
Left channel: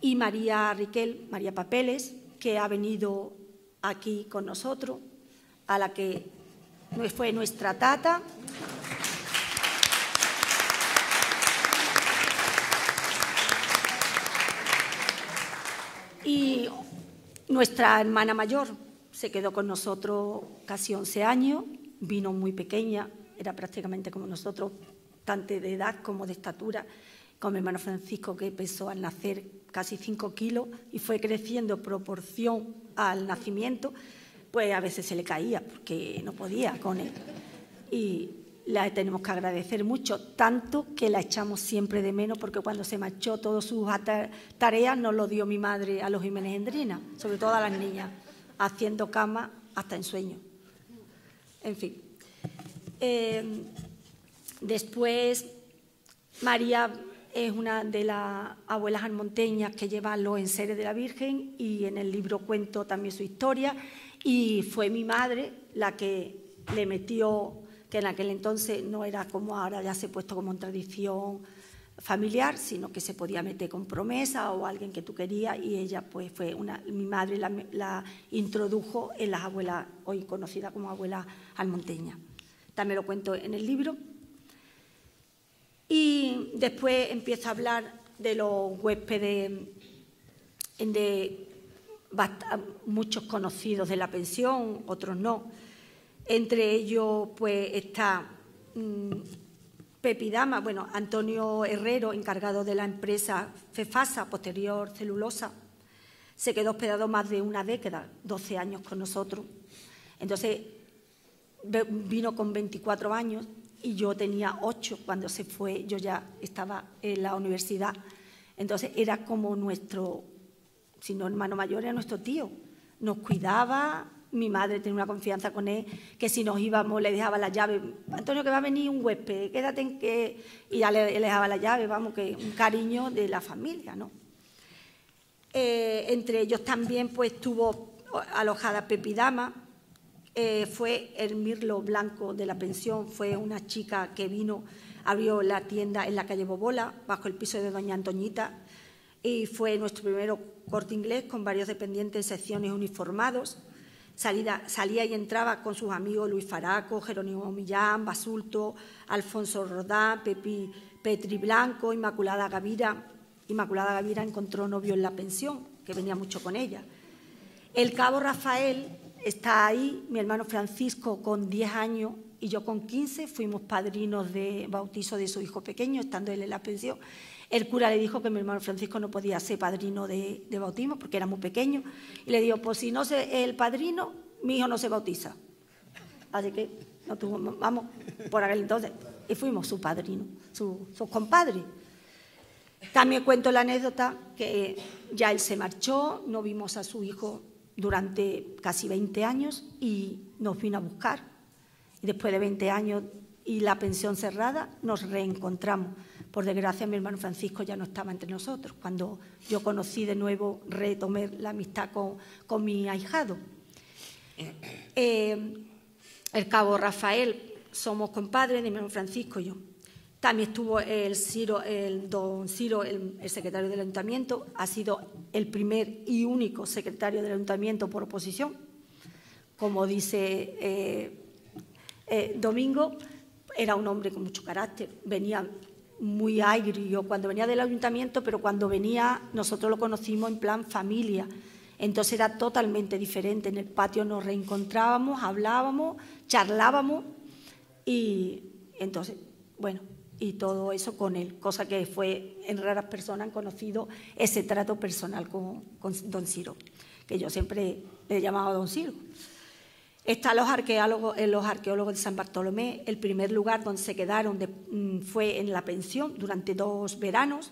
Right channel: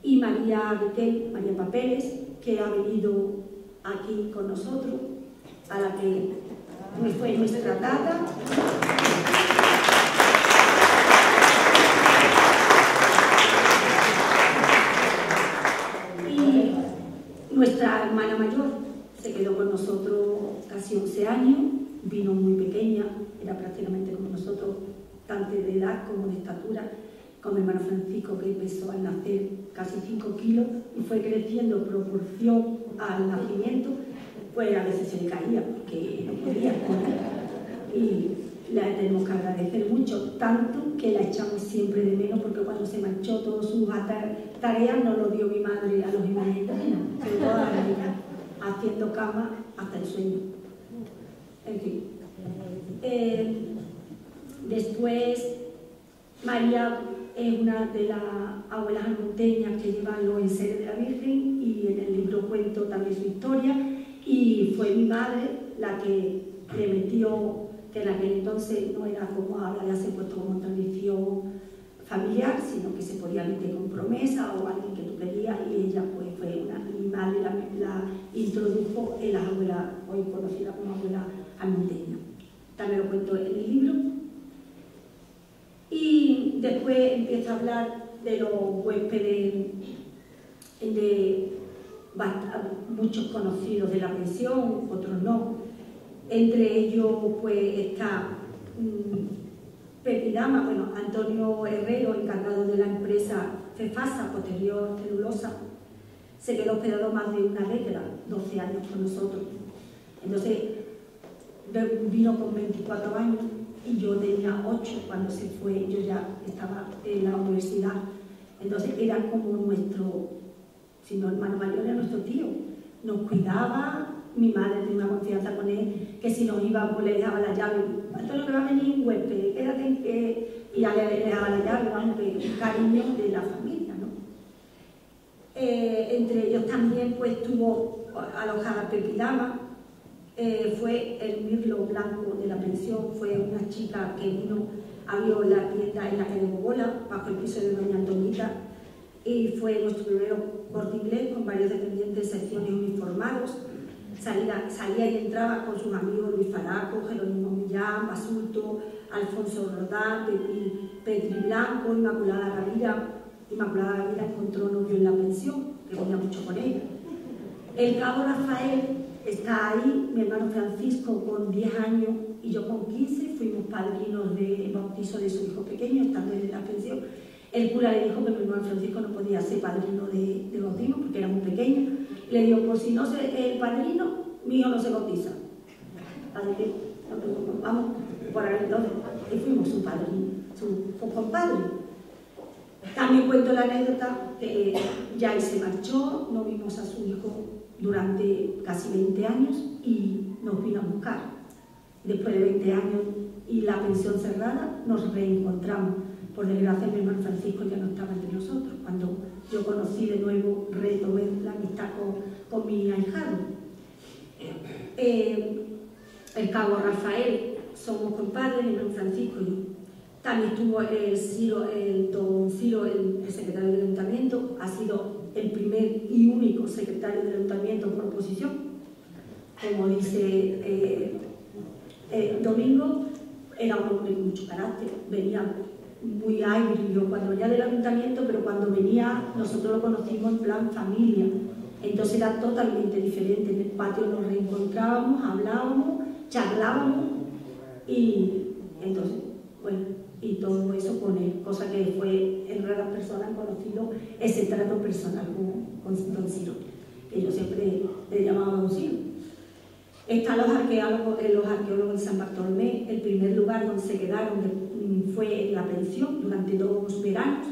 y María Riquel, María Papeles, que ha venido aquí con nosotros, a la que fue nuestra tata. Y nuestra hermana mayor se quedó con nosotros casi 11 años, vino muy pequeña, era prácticamente como nosotros, tanto de edad como de estatura, con mi hermano Francisco, que pesó al nacer casi 5 kilos y fue creciendo en proporción al nacimiento. Pues a veces se le caía porque no podía con él. Y la tenemos que agradecer mucho, tanto que la echamos siempre de menos, porque cuando se marchó todas sus tareas nos lo dio mi madre a los Jiménez Endrina, sobre todo a las niñas, haciendo cama hasta el sueño. En fin. Después, María es una de las abuelas almonteñas que llevan los enseres de la Virgen, y en el libro cuento también su historia. Y fue mi madre la que le metió, que en aquel entonces no era como ahora, ya se ha puesto como tradición familiar, sino que se podía meter con promesa o alguien que tú querías, y ella pues fue mi madre la introdujo en las abuelas, hoy conocida como abuela almonteña. También lo cuento en el libro. Y después empiezo a hablar de los huéspedes, de muchos conocidos de la pensión, otros no. Entre ellos pues está Pepi Dama, bueno, Antonio Herrero, encargado de la empresa Cefasa, posterior Celulosa, se quedó hospedado más de una década, 12 años con nosotros. Entonces vino con 24 años y yo tenía 8 cuando se fue, yo ya estaba en la universidad. Entonces era como nuestro, si no hermano mayor, era nuestro tío. Nos cuidaba, mi madre tenía una confianza con él, que si nos íbamos le dejaba la llave. Antonio, que va a venir un huésped, quédate en que... Y ya le dejaba la llave, vamos, que un cariño de la familia, ¿no? Entre ellos también pues estuvo alojada Pepi Dama, fue el mirlo blanco de la pensión, fue una chica que vino, abrió la tienda en la calle Bobola, bajo el piso de doña Antoñita, y fue nuestro primero Corte Inglés con varios dependientes de secciones uniformados. Salía y entraba con sus amigos Luis Faraco, Jerónimo Millán, Basulto, Alfonso Rodá, Petri Blanco, Inmaculada Gavira, Inmaculada Gavira encontró novio en la pensión, que venía mucho con ella. El cabo Rafael está ahí, mi hermano Francisco con 10 años y yo con 15 fuimos padrinos de bautizo de su hijo pequeño, estando él en la pensión. El cura le dijo que mi hermano Francisco no podía ser padrino de bautismo porque era muy pequeño. Y le dijo, pues si no sé el padrino, mi hijo no se bautiza. Así que vamos por aquel entonces y fuimos su padrino, su compadre. También cuento la anécdota que ya él se marchó, no vimos a su hijo durante casi 20 años y nos vino a buscar. Después de 20 años y la pensión cerrada, nos reencontramos. Por desgracia, mi hermano Francisco ya no estaba entre nosotros. Cuando yo conocí de nuevo, retomé la amistad con mi ahijado. El cabo Rafael, somos compadres de mi hermano Francisco y yo. También estuvo don Ciro, el secretario del ayuntamiento, ha sido el primer y único secretario del ayuntamiento por oposición. Como dice Domingo, era un hombre con mucho carácter, venía muy agrio cuando venía del ayuntamiento, pero cuando venía nosotros lo conocimos en plan familia, entonces era totalmente diferente. En el patio nos reencontrábamos, hablábamos, charlábamos y entonces, bueno, y todo eso con él, cosa que fue en raras personas conocido ese trato personal con don Ciro, que yo siempre le llamaba don Ciro. Están los arqueólogos de San Bartolomé. El primer lugar donde se quedaron fue en la pensión durante 2 veranos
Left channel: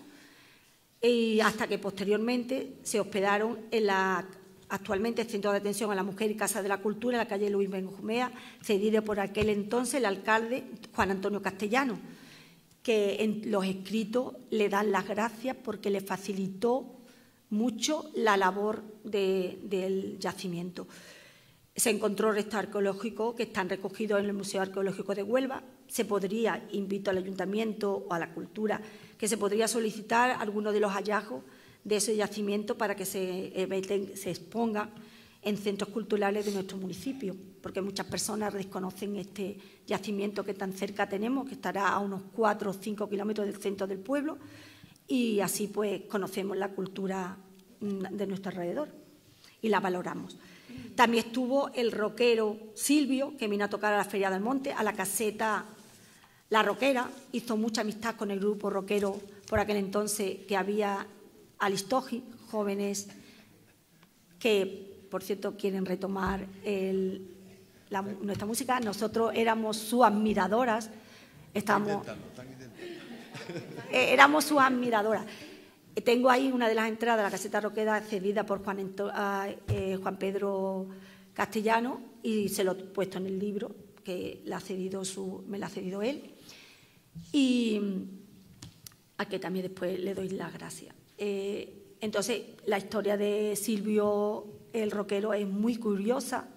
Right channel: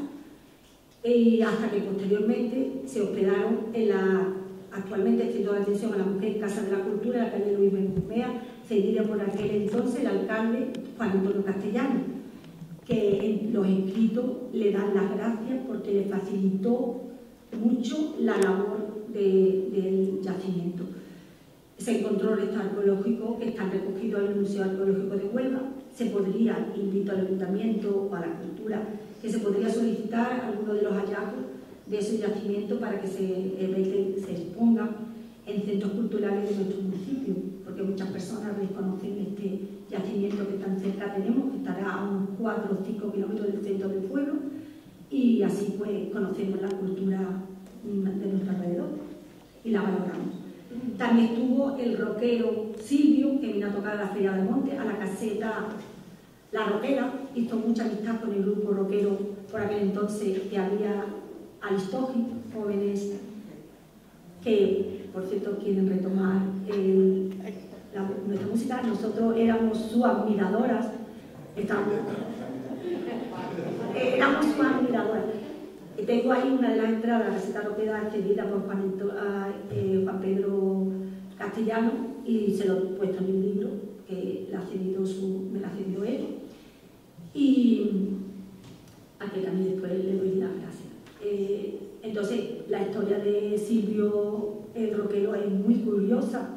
y hasta que posteriormente se hospedaron en la actualmente Centro de Atención a la Mujer y Casa de la Cultura, en la calle Luis Benjumea, cedida por aquel entonces el alcalde Juan Antonio Castellano, que en los escritos le dan las gracias porque le facilitó mucho la labor del yacimiento. Se encontró restos arqueológicos que están recogidos en el Museo Arqueológico de Huelva. Se podría, invito al Ayuntamiento o a la Cultura, que se podría solicitar alguno de los hallazgos de ese yacimiento para que se expongan en centros culturales de nuestro municipio, porque muchas personas desconocen este yacimiento que tan cerca tenemos, que estará a unos 4 o 5 kilómetros del centro del pueblo, y así pues conocemos la cultura de nuestro alrededor y la valoramos. También estuvo el rockero Silvio, que vino a tocar a la Feria del Monte, a la caseta La Roquera, hizo mucha amistad con el grupo rockero por aquel entonces que había Alistogi, jóvenes que, por cierto, quieren retomar nuestra música. Nosotros éramos sus admiradoras, éramos sus admiradoras. Tengo ahí una de las entradas de la caseta roquera cedida por Juan Pedro Castellano y se lo he puesto en el libro que me la ha cedido él, y a que también después le doy las gracias. Entonces la historia de Silvio el roquero es muy curiosa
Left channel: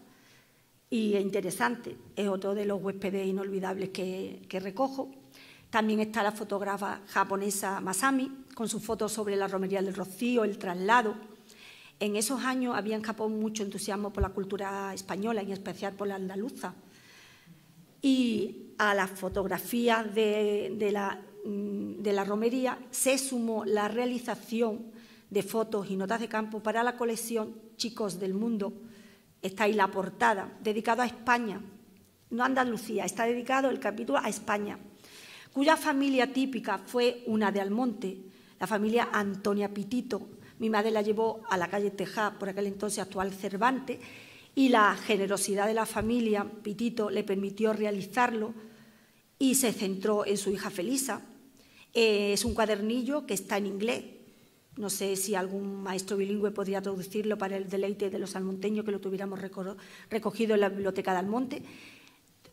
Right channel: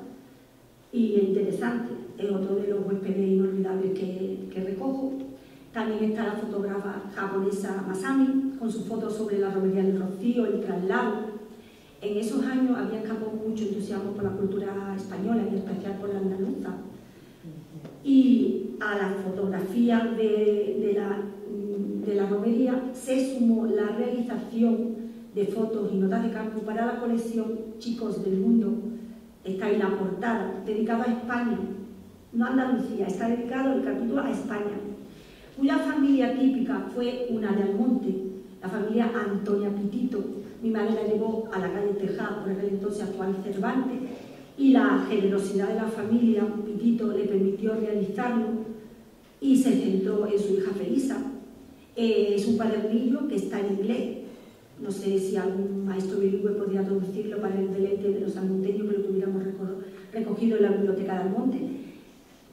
y interesante, es otro de los huéspedes inolvidables que recojo. También está la fotógrafa japonesa Masami, con sus fotos sobre la romería del Rocío, el traslado. En esos años había en Japón mucho entusiasmo por la cultura española, en especial por la andaluza. Y a las fotografías de la romería se sumó la realización de fotos y notas de campo para la colección Chicos del Mundo. Está ahí la portada, dedicado a España, no a Andalucía, está dedicado el capítulo a España, cuya familia típica fue una de Almonte, la familia Antonia Pitito. Mi madre la llevó a la calle Tejá, por aquel entonces actual Cervantes, y la generosidad de la familia Pitito le permitió realizarlo y se centró en su hija Felisa. Es un cuadernillo que está en inglés. No sé si algún maestro bilingüe podría traducirlo para el deleite de los almonteños, que lo tuviéramos recogido en la biblioteca de Almonte.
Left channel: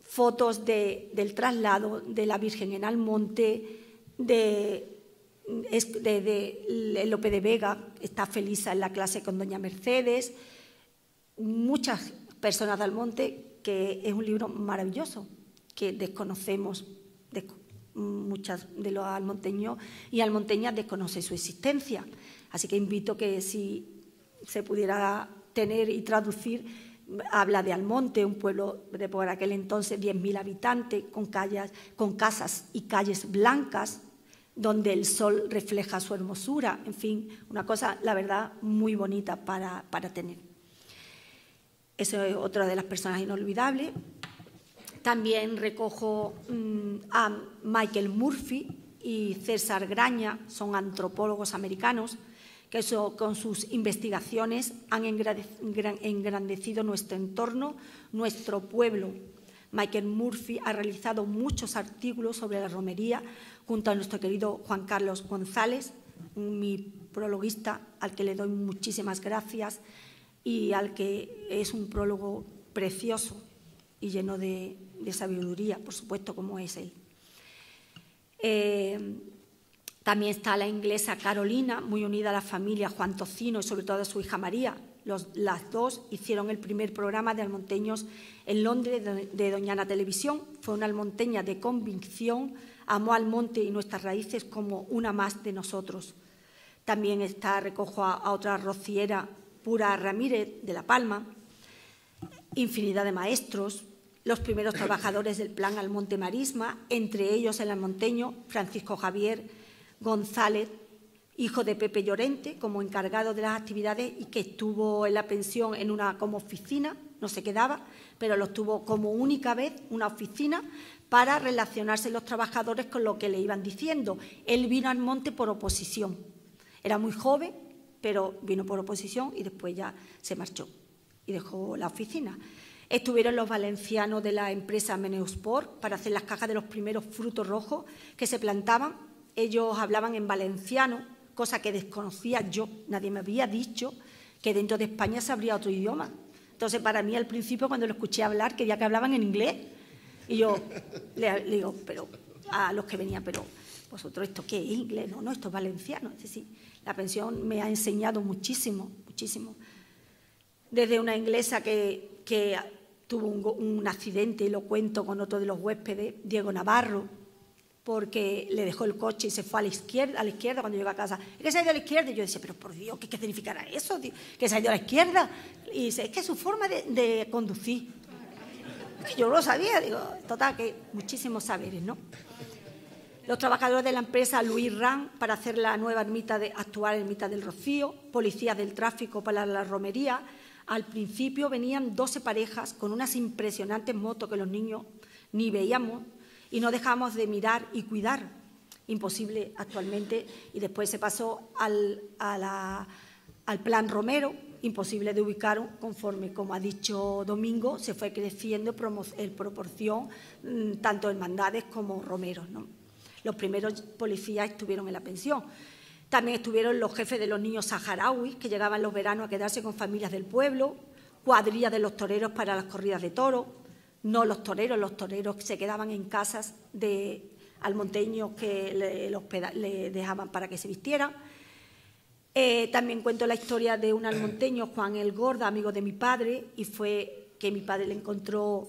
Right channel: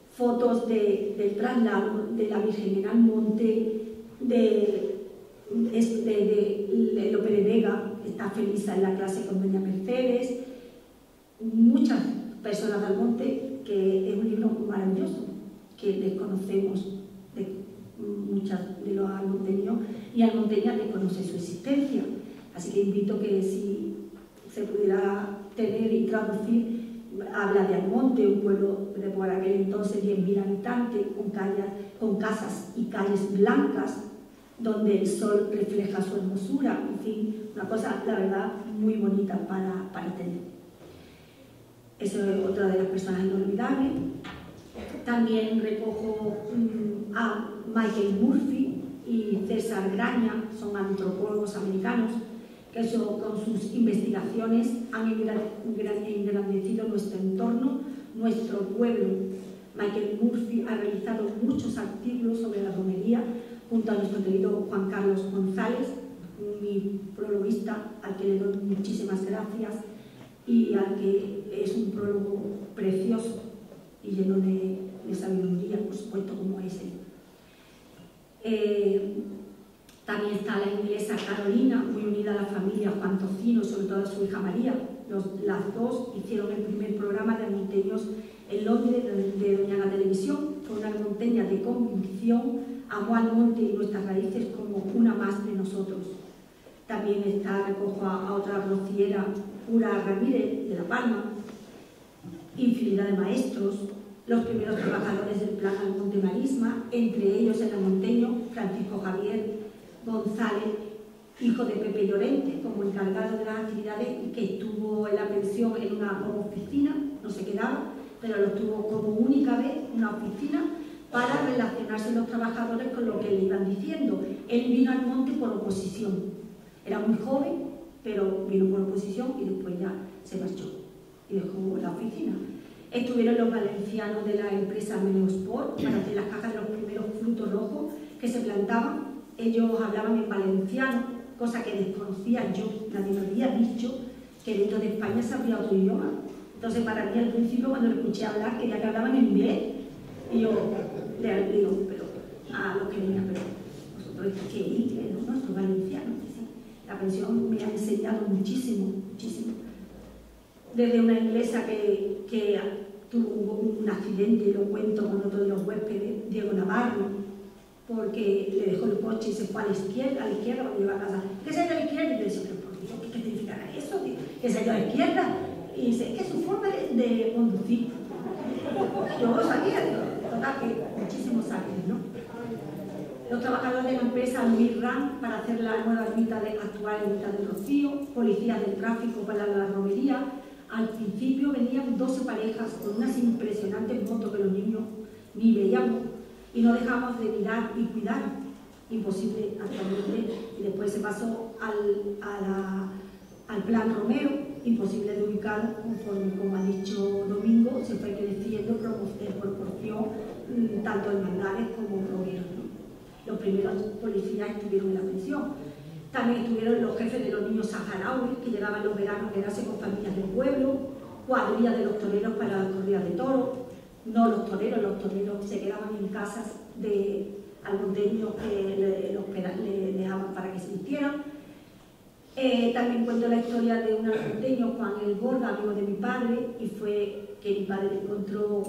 Fotos del traslado de la Virgen en Almonte, de Lope de Vega, está Felisa en la clase con doña Mercedes, muchas personas de Almonte, que es un libro maravilloso, que desconocemos, muchas de los almonteños y almonteñas desconocen su existencia. Así que invito que si se pudiera tener y traducir. Habla de Almonte, un pueblo de por aquel entonces 10.000 habitantes, con casas y calles blancas, donde el sol refleja su hermosura, en fin, una cosa, la verdad, muy bonita para tener. Eso es otra de las personas inolvidables. También recojo a Michael Murphy y César Graña, son antropólogos americanos, que con sus investigaciones han engrandecido nuestro entorno, nuestro pueblo. Michael Murphy ha realizado muchos artículos sobre la romería junto a nuestro querido Juan Carlos González, mi prologuista, al que le doy muchísimas gracias y al que es un prólogo precioso y lleno de sabiduría, por supuesto, como es él. También está la inglesa Carolina, muy unida a la familia Juan Tocino y sobre todo a su hija María. Las dos hicieron el primer programa de almonteños en Londres de Doñana Televisión. Fue una almonteña de convicción, amó al monte y nuestras raíces como una más de nosotros. También recojo a otra rociera, Pura Ramírez, de La Palma, infinidad de maestros, los primeros trabajadores del Plan Almonte Marisma, entre ellos el almonteño Francisco Javier González, hijo de Pepe Llorente, como encargado de las actividades y que estuvo en la pensión como oficina, no se quedaba, pero lo tuvo como única vez, una oficina, para relacionarse los trabajadores con lo que le iban diciendo. Él vino al monte por oposición, era muy joven, pero vino por oposición y después ya se marchó y dejó la oficina. Estuvieron los valencianos de la empresa Meneosport para hacer las cajas de los primeros frutos rojos que se plantaban. Ellos hablaban en valenciano, cosa que desconocía yo, nadie me había dicho que dentro de España se habría otro idioma. Entonces, para mí, al principio, cuando lo escuché hablar, quería que hablaban en inglés. Y yo le digo, pero a los que venían, pero vosotros, ¿esto qué es? ¿Inglés? No, esto es valenciano. Es decir, la pensión me ha enseñado muchísimo, muchísimo. Desde una inglesa que tuvo un accidente, lo cuento con otro de los huéspedes, Diego Navarro, porque le dejó el coche y se fue a la izquierda cuando llegó a casa. ¿Qué se ha ido a la izquierda? Y yo decía, pero por Dios, ¿qué significará eso? ¿Que se ha ido a la izquierda? Y dice, es que es su forma de conducir. Que yo no lo sabía, digo, total, que muchísimos saberes, ¿no? Los trabajadores de la empresa Luis Ram para hacer la nueva actual ermita del Rocío, policías del tráfico para la romería. Al principio venían 12 parejas con unas impresionantes motos que los niños ni veíamos y no dejamos de mirar y cuidar. Imposible actualmente. Y después se pasó al plan Romero, imposible de ubicar conforme, como ha dicho Domingo, se fue creciendo en proporción tanto hermandades como romeros, ¿no? Los primeros policías estuvieron en la pensión. También estuvieron los jefes de los niños saharauis, que llegaban los veranos a quedarse con familias del pueblo, cuadrillas de los toreros para las corridas de toros, no los toreros se quedaban en casas de almonteños que le dejaban para que se vistieran. También cuento la historia de un almonteño, Juan el Gorda, amigo de mi padre, y fue que mi padre le encontró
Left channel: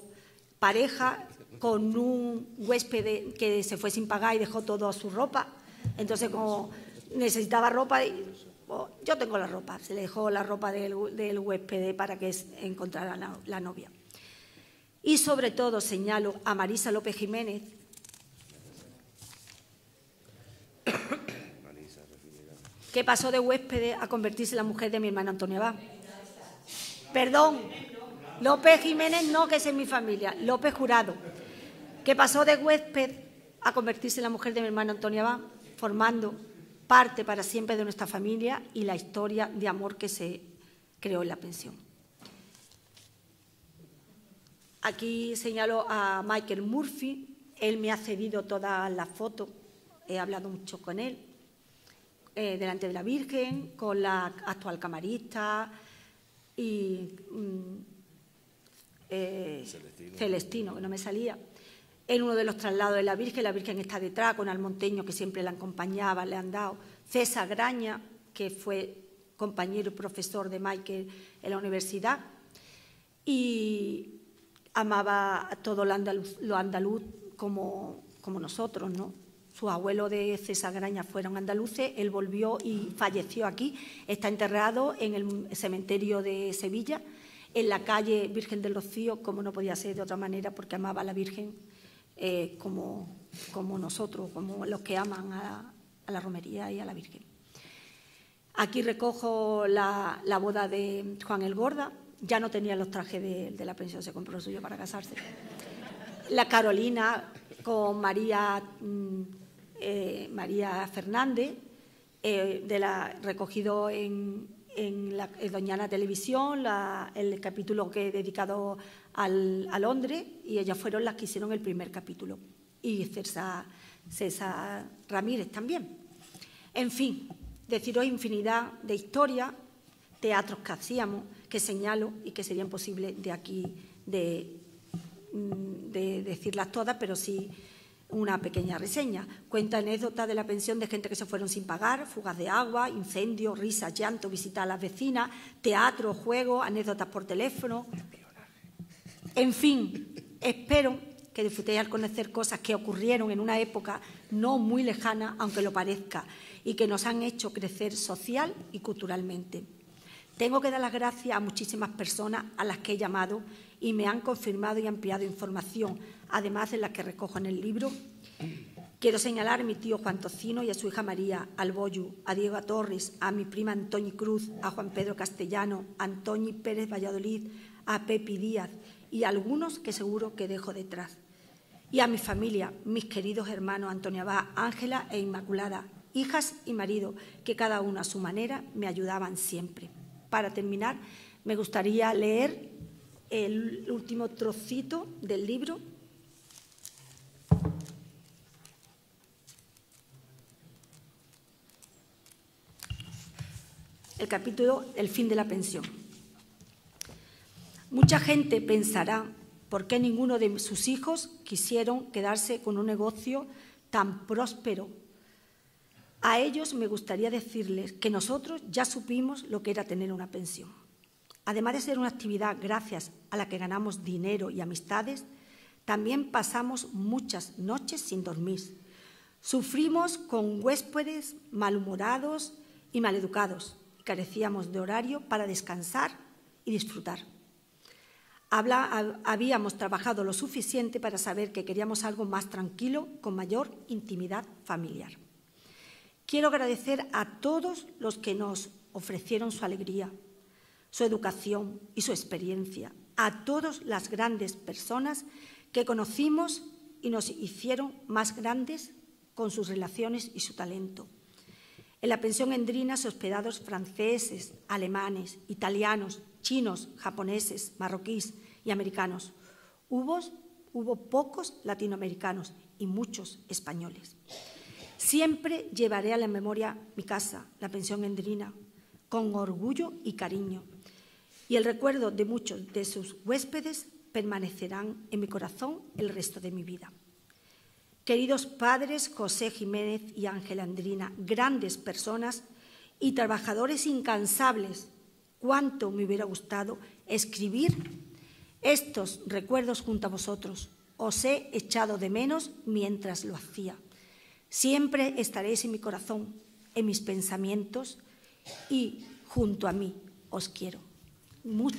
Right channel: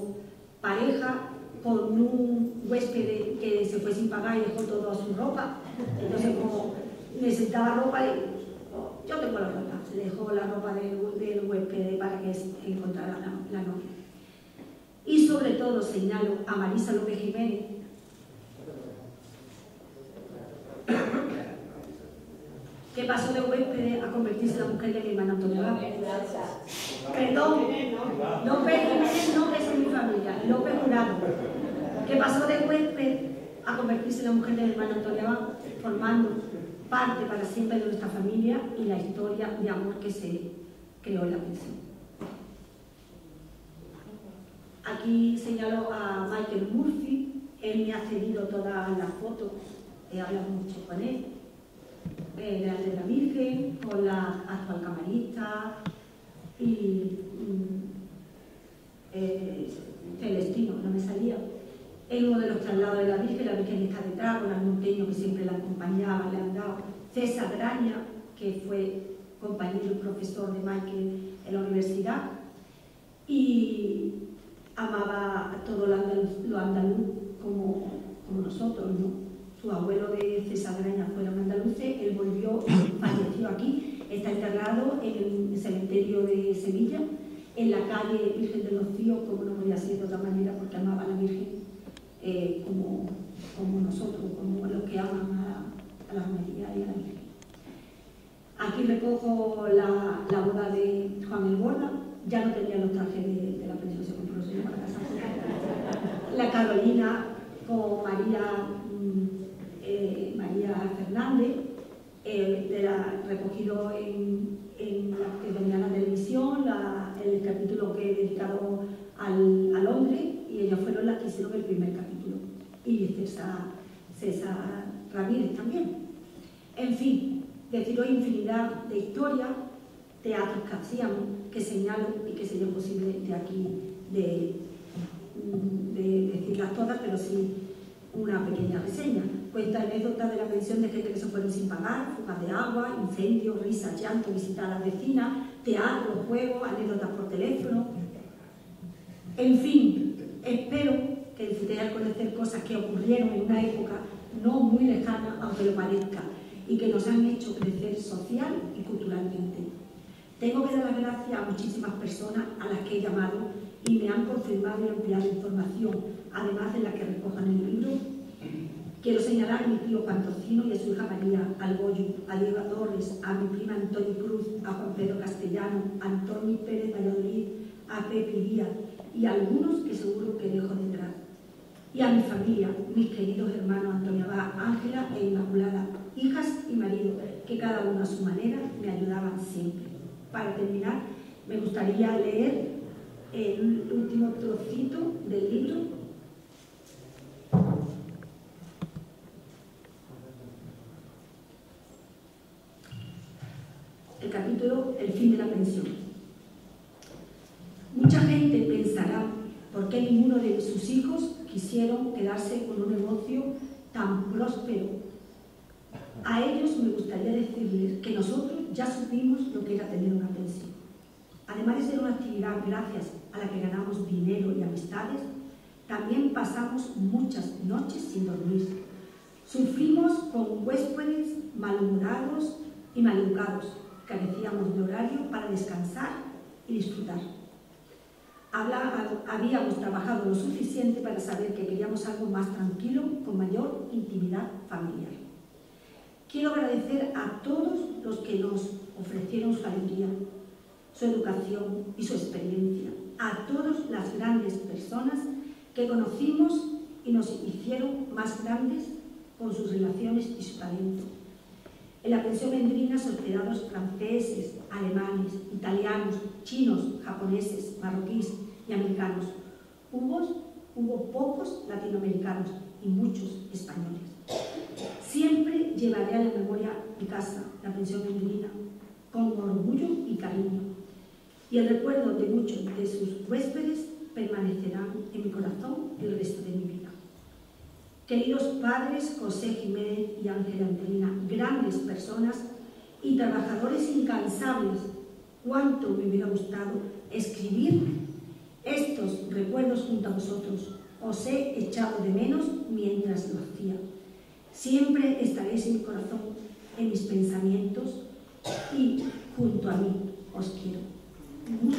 pareja con un huésped que se fue sin pagar y dejó toda su ropa. Entonces, como necesitaba ropa, yo tengo la ropa, se le dejó la ropa del huésped para que encontrara la novia. Y sobre todo señalo a Marisa López Jiménez, que pasó de huésped a convertirse en la mujer de mi hermana Antonia Abad. Perdón, López Jiménez no, que esa es mi familia, López Jurado, que pasó de huésped a convertirse en la mujer de mi hermana Antonia Abad, formando parte para siempre de nuestra familia y la historia de amor que se creó en la pensión. Aquí señalo a Michael Murphy, él me ha cedido todas las fotos, he hablado mucho con él, delante de la Virgen, con la actual camarista y Celestino, que no me salía. En uno de los traslados de la Virgen está detrás, con almonteños que siempre la acompañaban, le han dado. César Graña, que fue compañero y profesor de Michael en la universidad, y amaba a todo lo andaluz como nosotros, ¿no? Sus abuelos de César Graña fueron andaluces, él volvió y falleció aquí. Está enterrado en el cementerio de Sevilla, en la calle Virgen de los Cíos, como no podía ser de otra manera, porque amaba a la Virgen como nosotros, como los que aman a la romería y a la Virgen. Aquí recojo la boda de Juan el Borda. Ya no tenía los trajes de la pensión, se compró suyo para casarse. La Carolina con María Fernández, recogido en Doñana Televisión, el capítulo que he dedicado a Londres, y ellas fueron las que hicieron el primer capítulo. Y César Ramírez también. En fin, deciros infinidad de historias, teatros que hacían, que señalo y que sería imposible de aquí de decirlas todas, pero sí una pequeña reseña. Cuenta anécdotas de la pensión de gente que se fueron sin pagar, fugas de agua, incendios, risas, llanto, visitar a las vecinas, teatro, juegos, anécdotas por teléfono. En fin, espero que disfrutéis al conocer cosas que ocurrieron en una época no muy lejana, aunque lo parezca, y que nos han hecho crecer social y culturalmente. Tengo que dar las gracias a muchísimas personas a las que he llamado y me han confirmado y ampliado información, además de las que recojo en el libro. Quiero señalar a mi tío Juan Tocino y a su hija María Alboyu, a Diego Torres, a mi prima Antoñi Cruz, a Juan Pedro Castellano, a Antoñi Pérez Valladolid, a Pepi Díaz y a algunos que seguro que dejo detrás. Y a mi familia, mis queridos hermanos Antonio Abad, Ángela e Inmaculada, hijas y marido, que cada uno a su manera me ayudaban siempre. Para terminar, me gustaría leer el último trocito del libro. El capítulo El fin de la pensión. Mucha gente pensará por qué ninguno de sus hijos quisieron quedarse con un negocio tan próspero. A ellos me gustaría decirles que nosotros ya supimos lo que era tener una pensión. Además de ser una actividad gracias a la que ganamos dinero y amistades, también pasamos muchas noches sin dormir. Sufrimos con huéspedes malhumorados y maleducados. Carecíamos de horario para descansar y disfrutar. Habíamos trabajado lo suficiente para saber que queríamos algo más tranquilo, con mayor intimidad familiar. Quiero agradecer a todos los que nos ofrecieron su alegría, su educación y su experiencia, a todas las grandes personas que conocimos y nos hicieron más grandes con sus relaciones y su talento. En la pensión Endrina se hospedados franceses, alemanes, italianos, chinos, japoneses, marroquíes y americanos. Hubo pocos latinoamericanos y muchos españoles. Siempre llevaré a la memoria mi casa, la pensión Endrina, con orgullo y cariño. Y el recuerdo de muchos de sus huéspedes permanecerán en mi corazón el resto de mi vida. Queridos padres José Jiménez y Ángela Endrina, grandes personas y trabajadores incansables, cuánto me hubiera gustado escribir estos recuerdos junto a vosotros. Os he echado de menos mientras lo hacía. Siempre estaréis en mi corazón, en mis pensamientos y junto a mí. Os quiero mucho.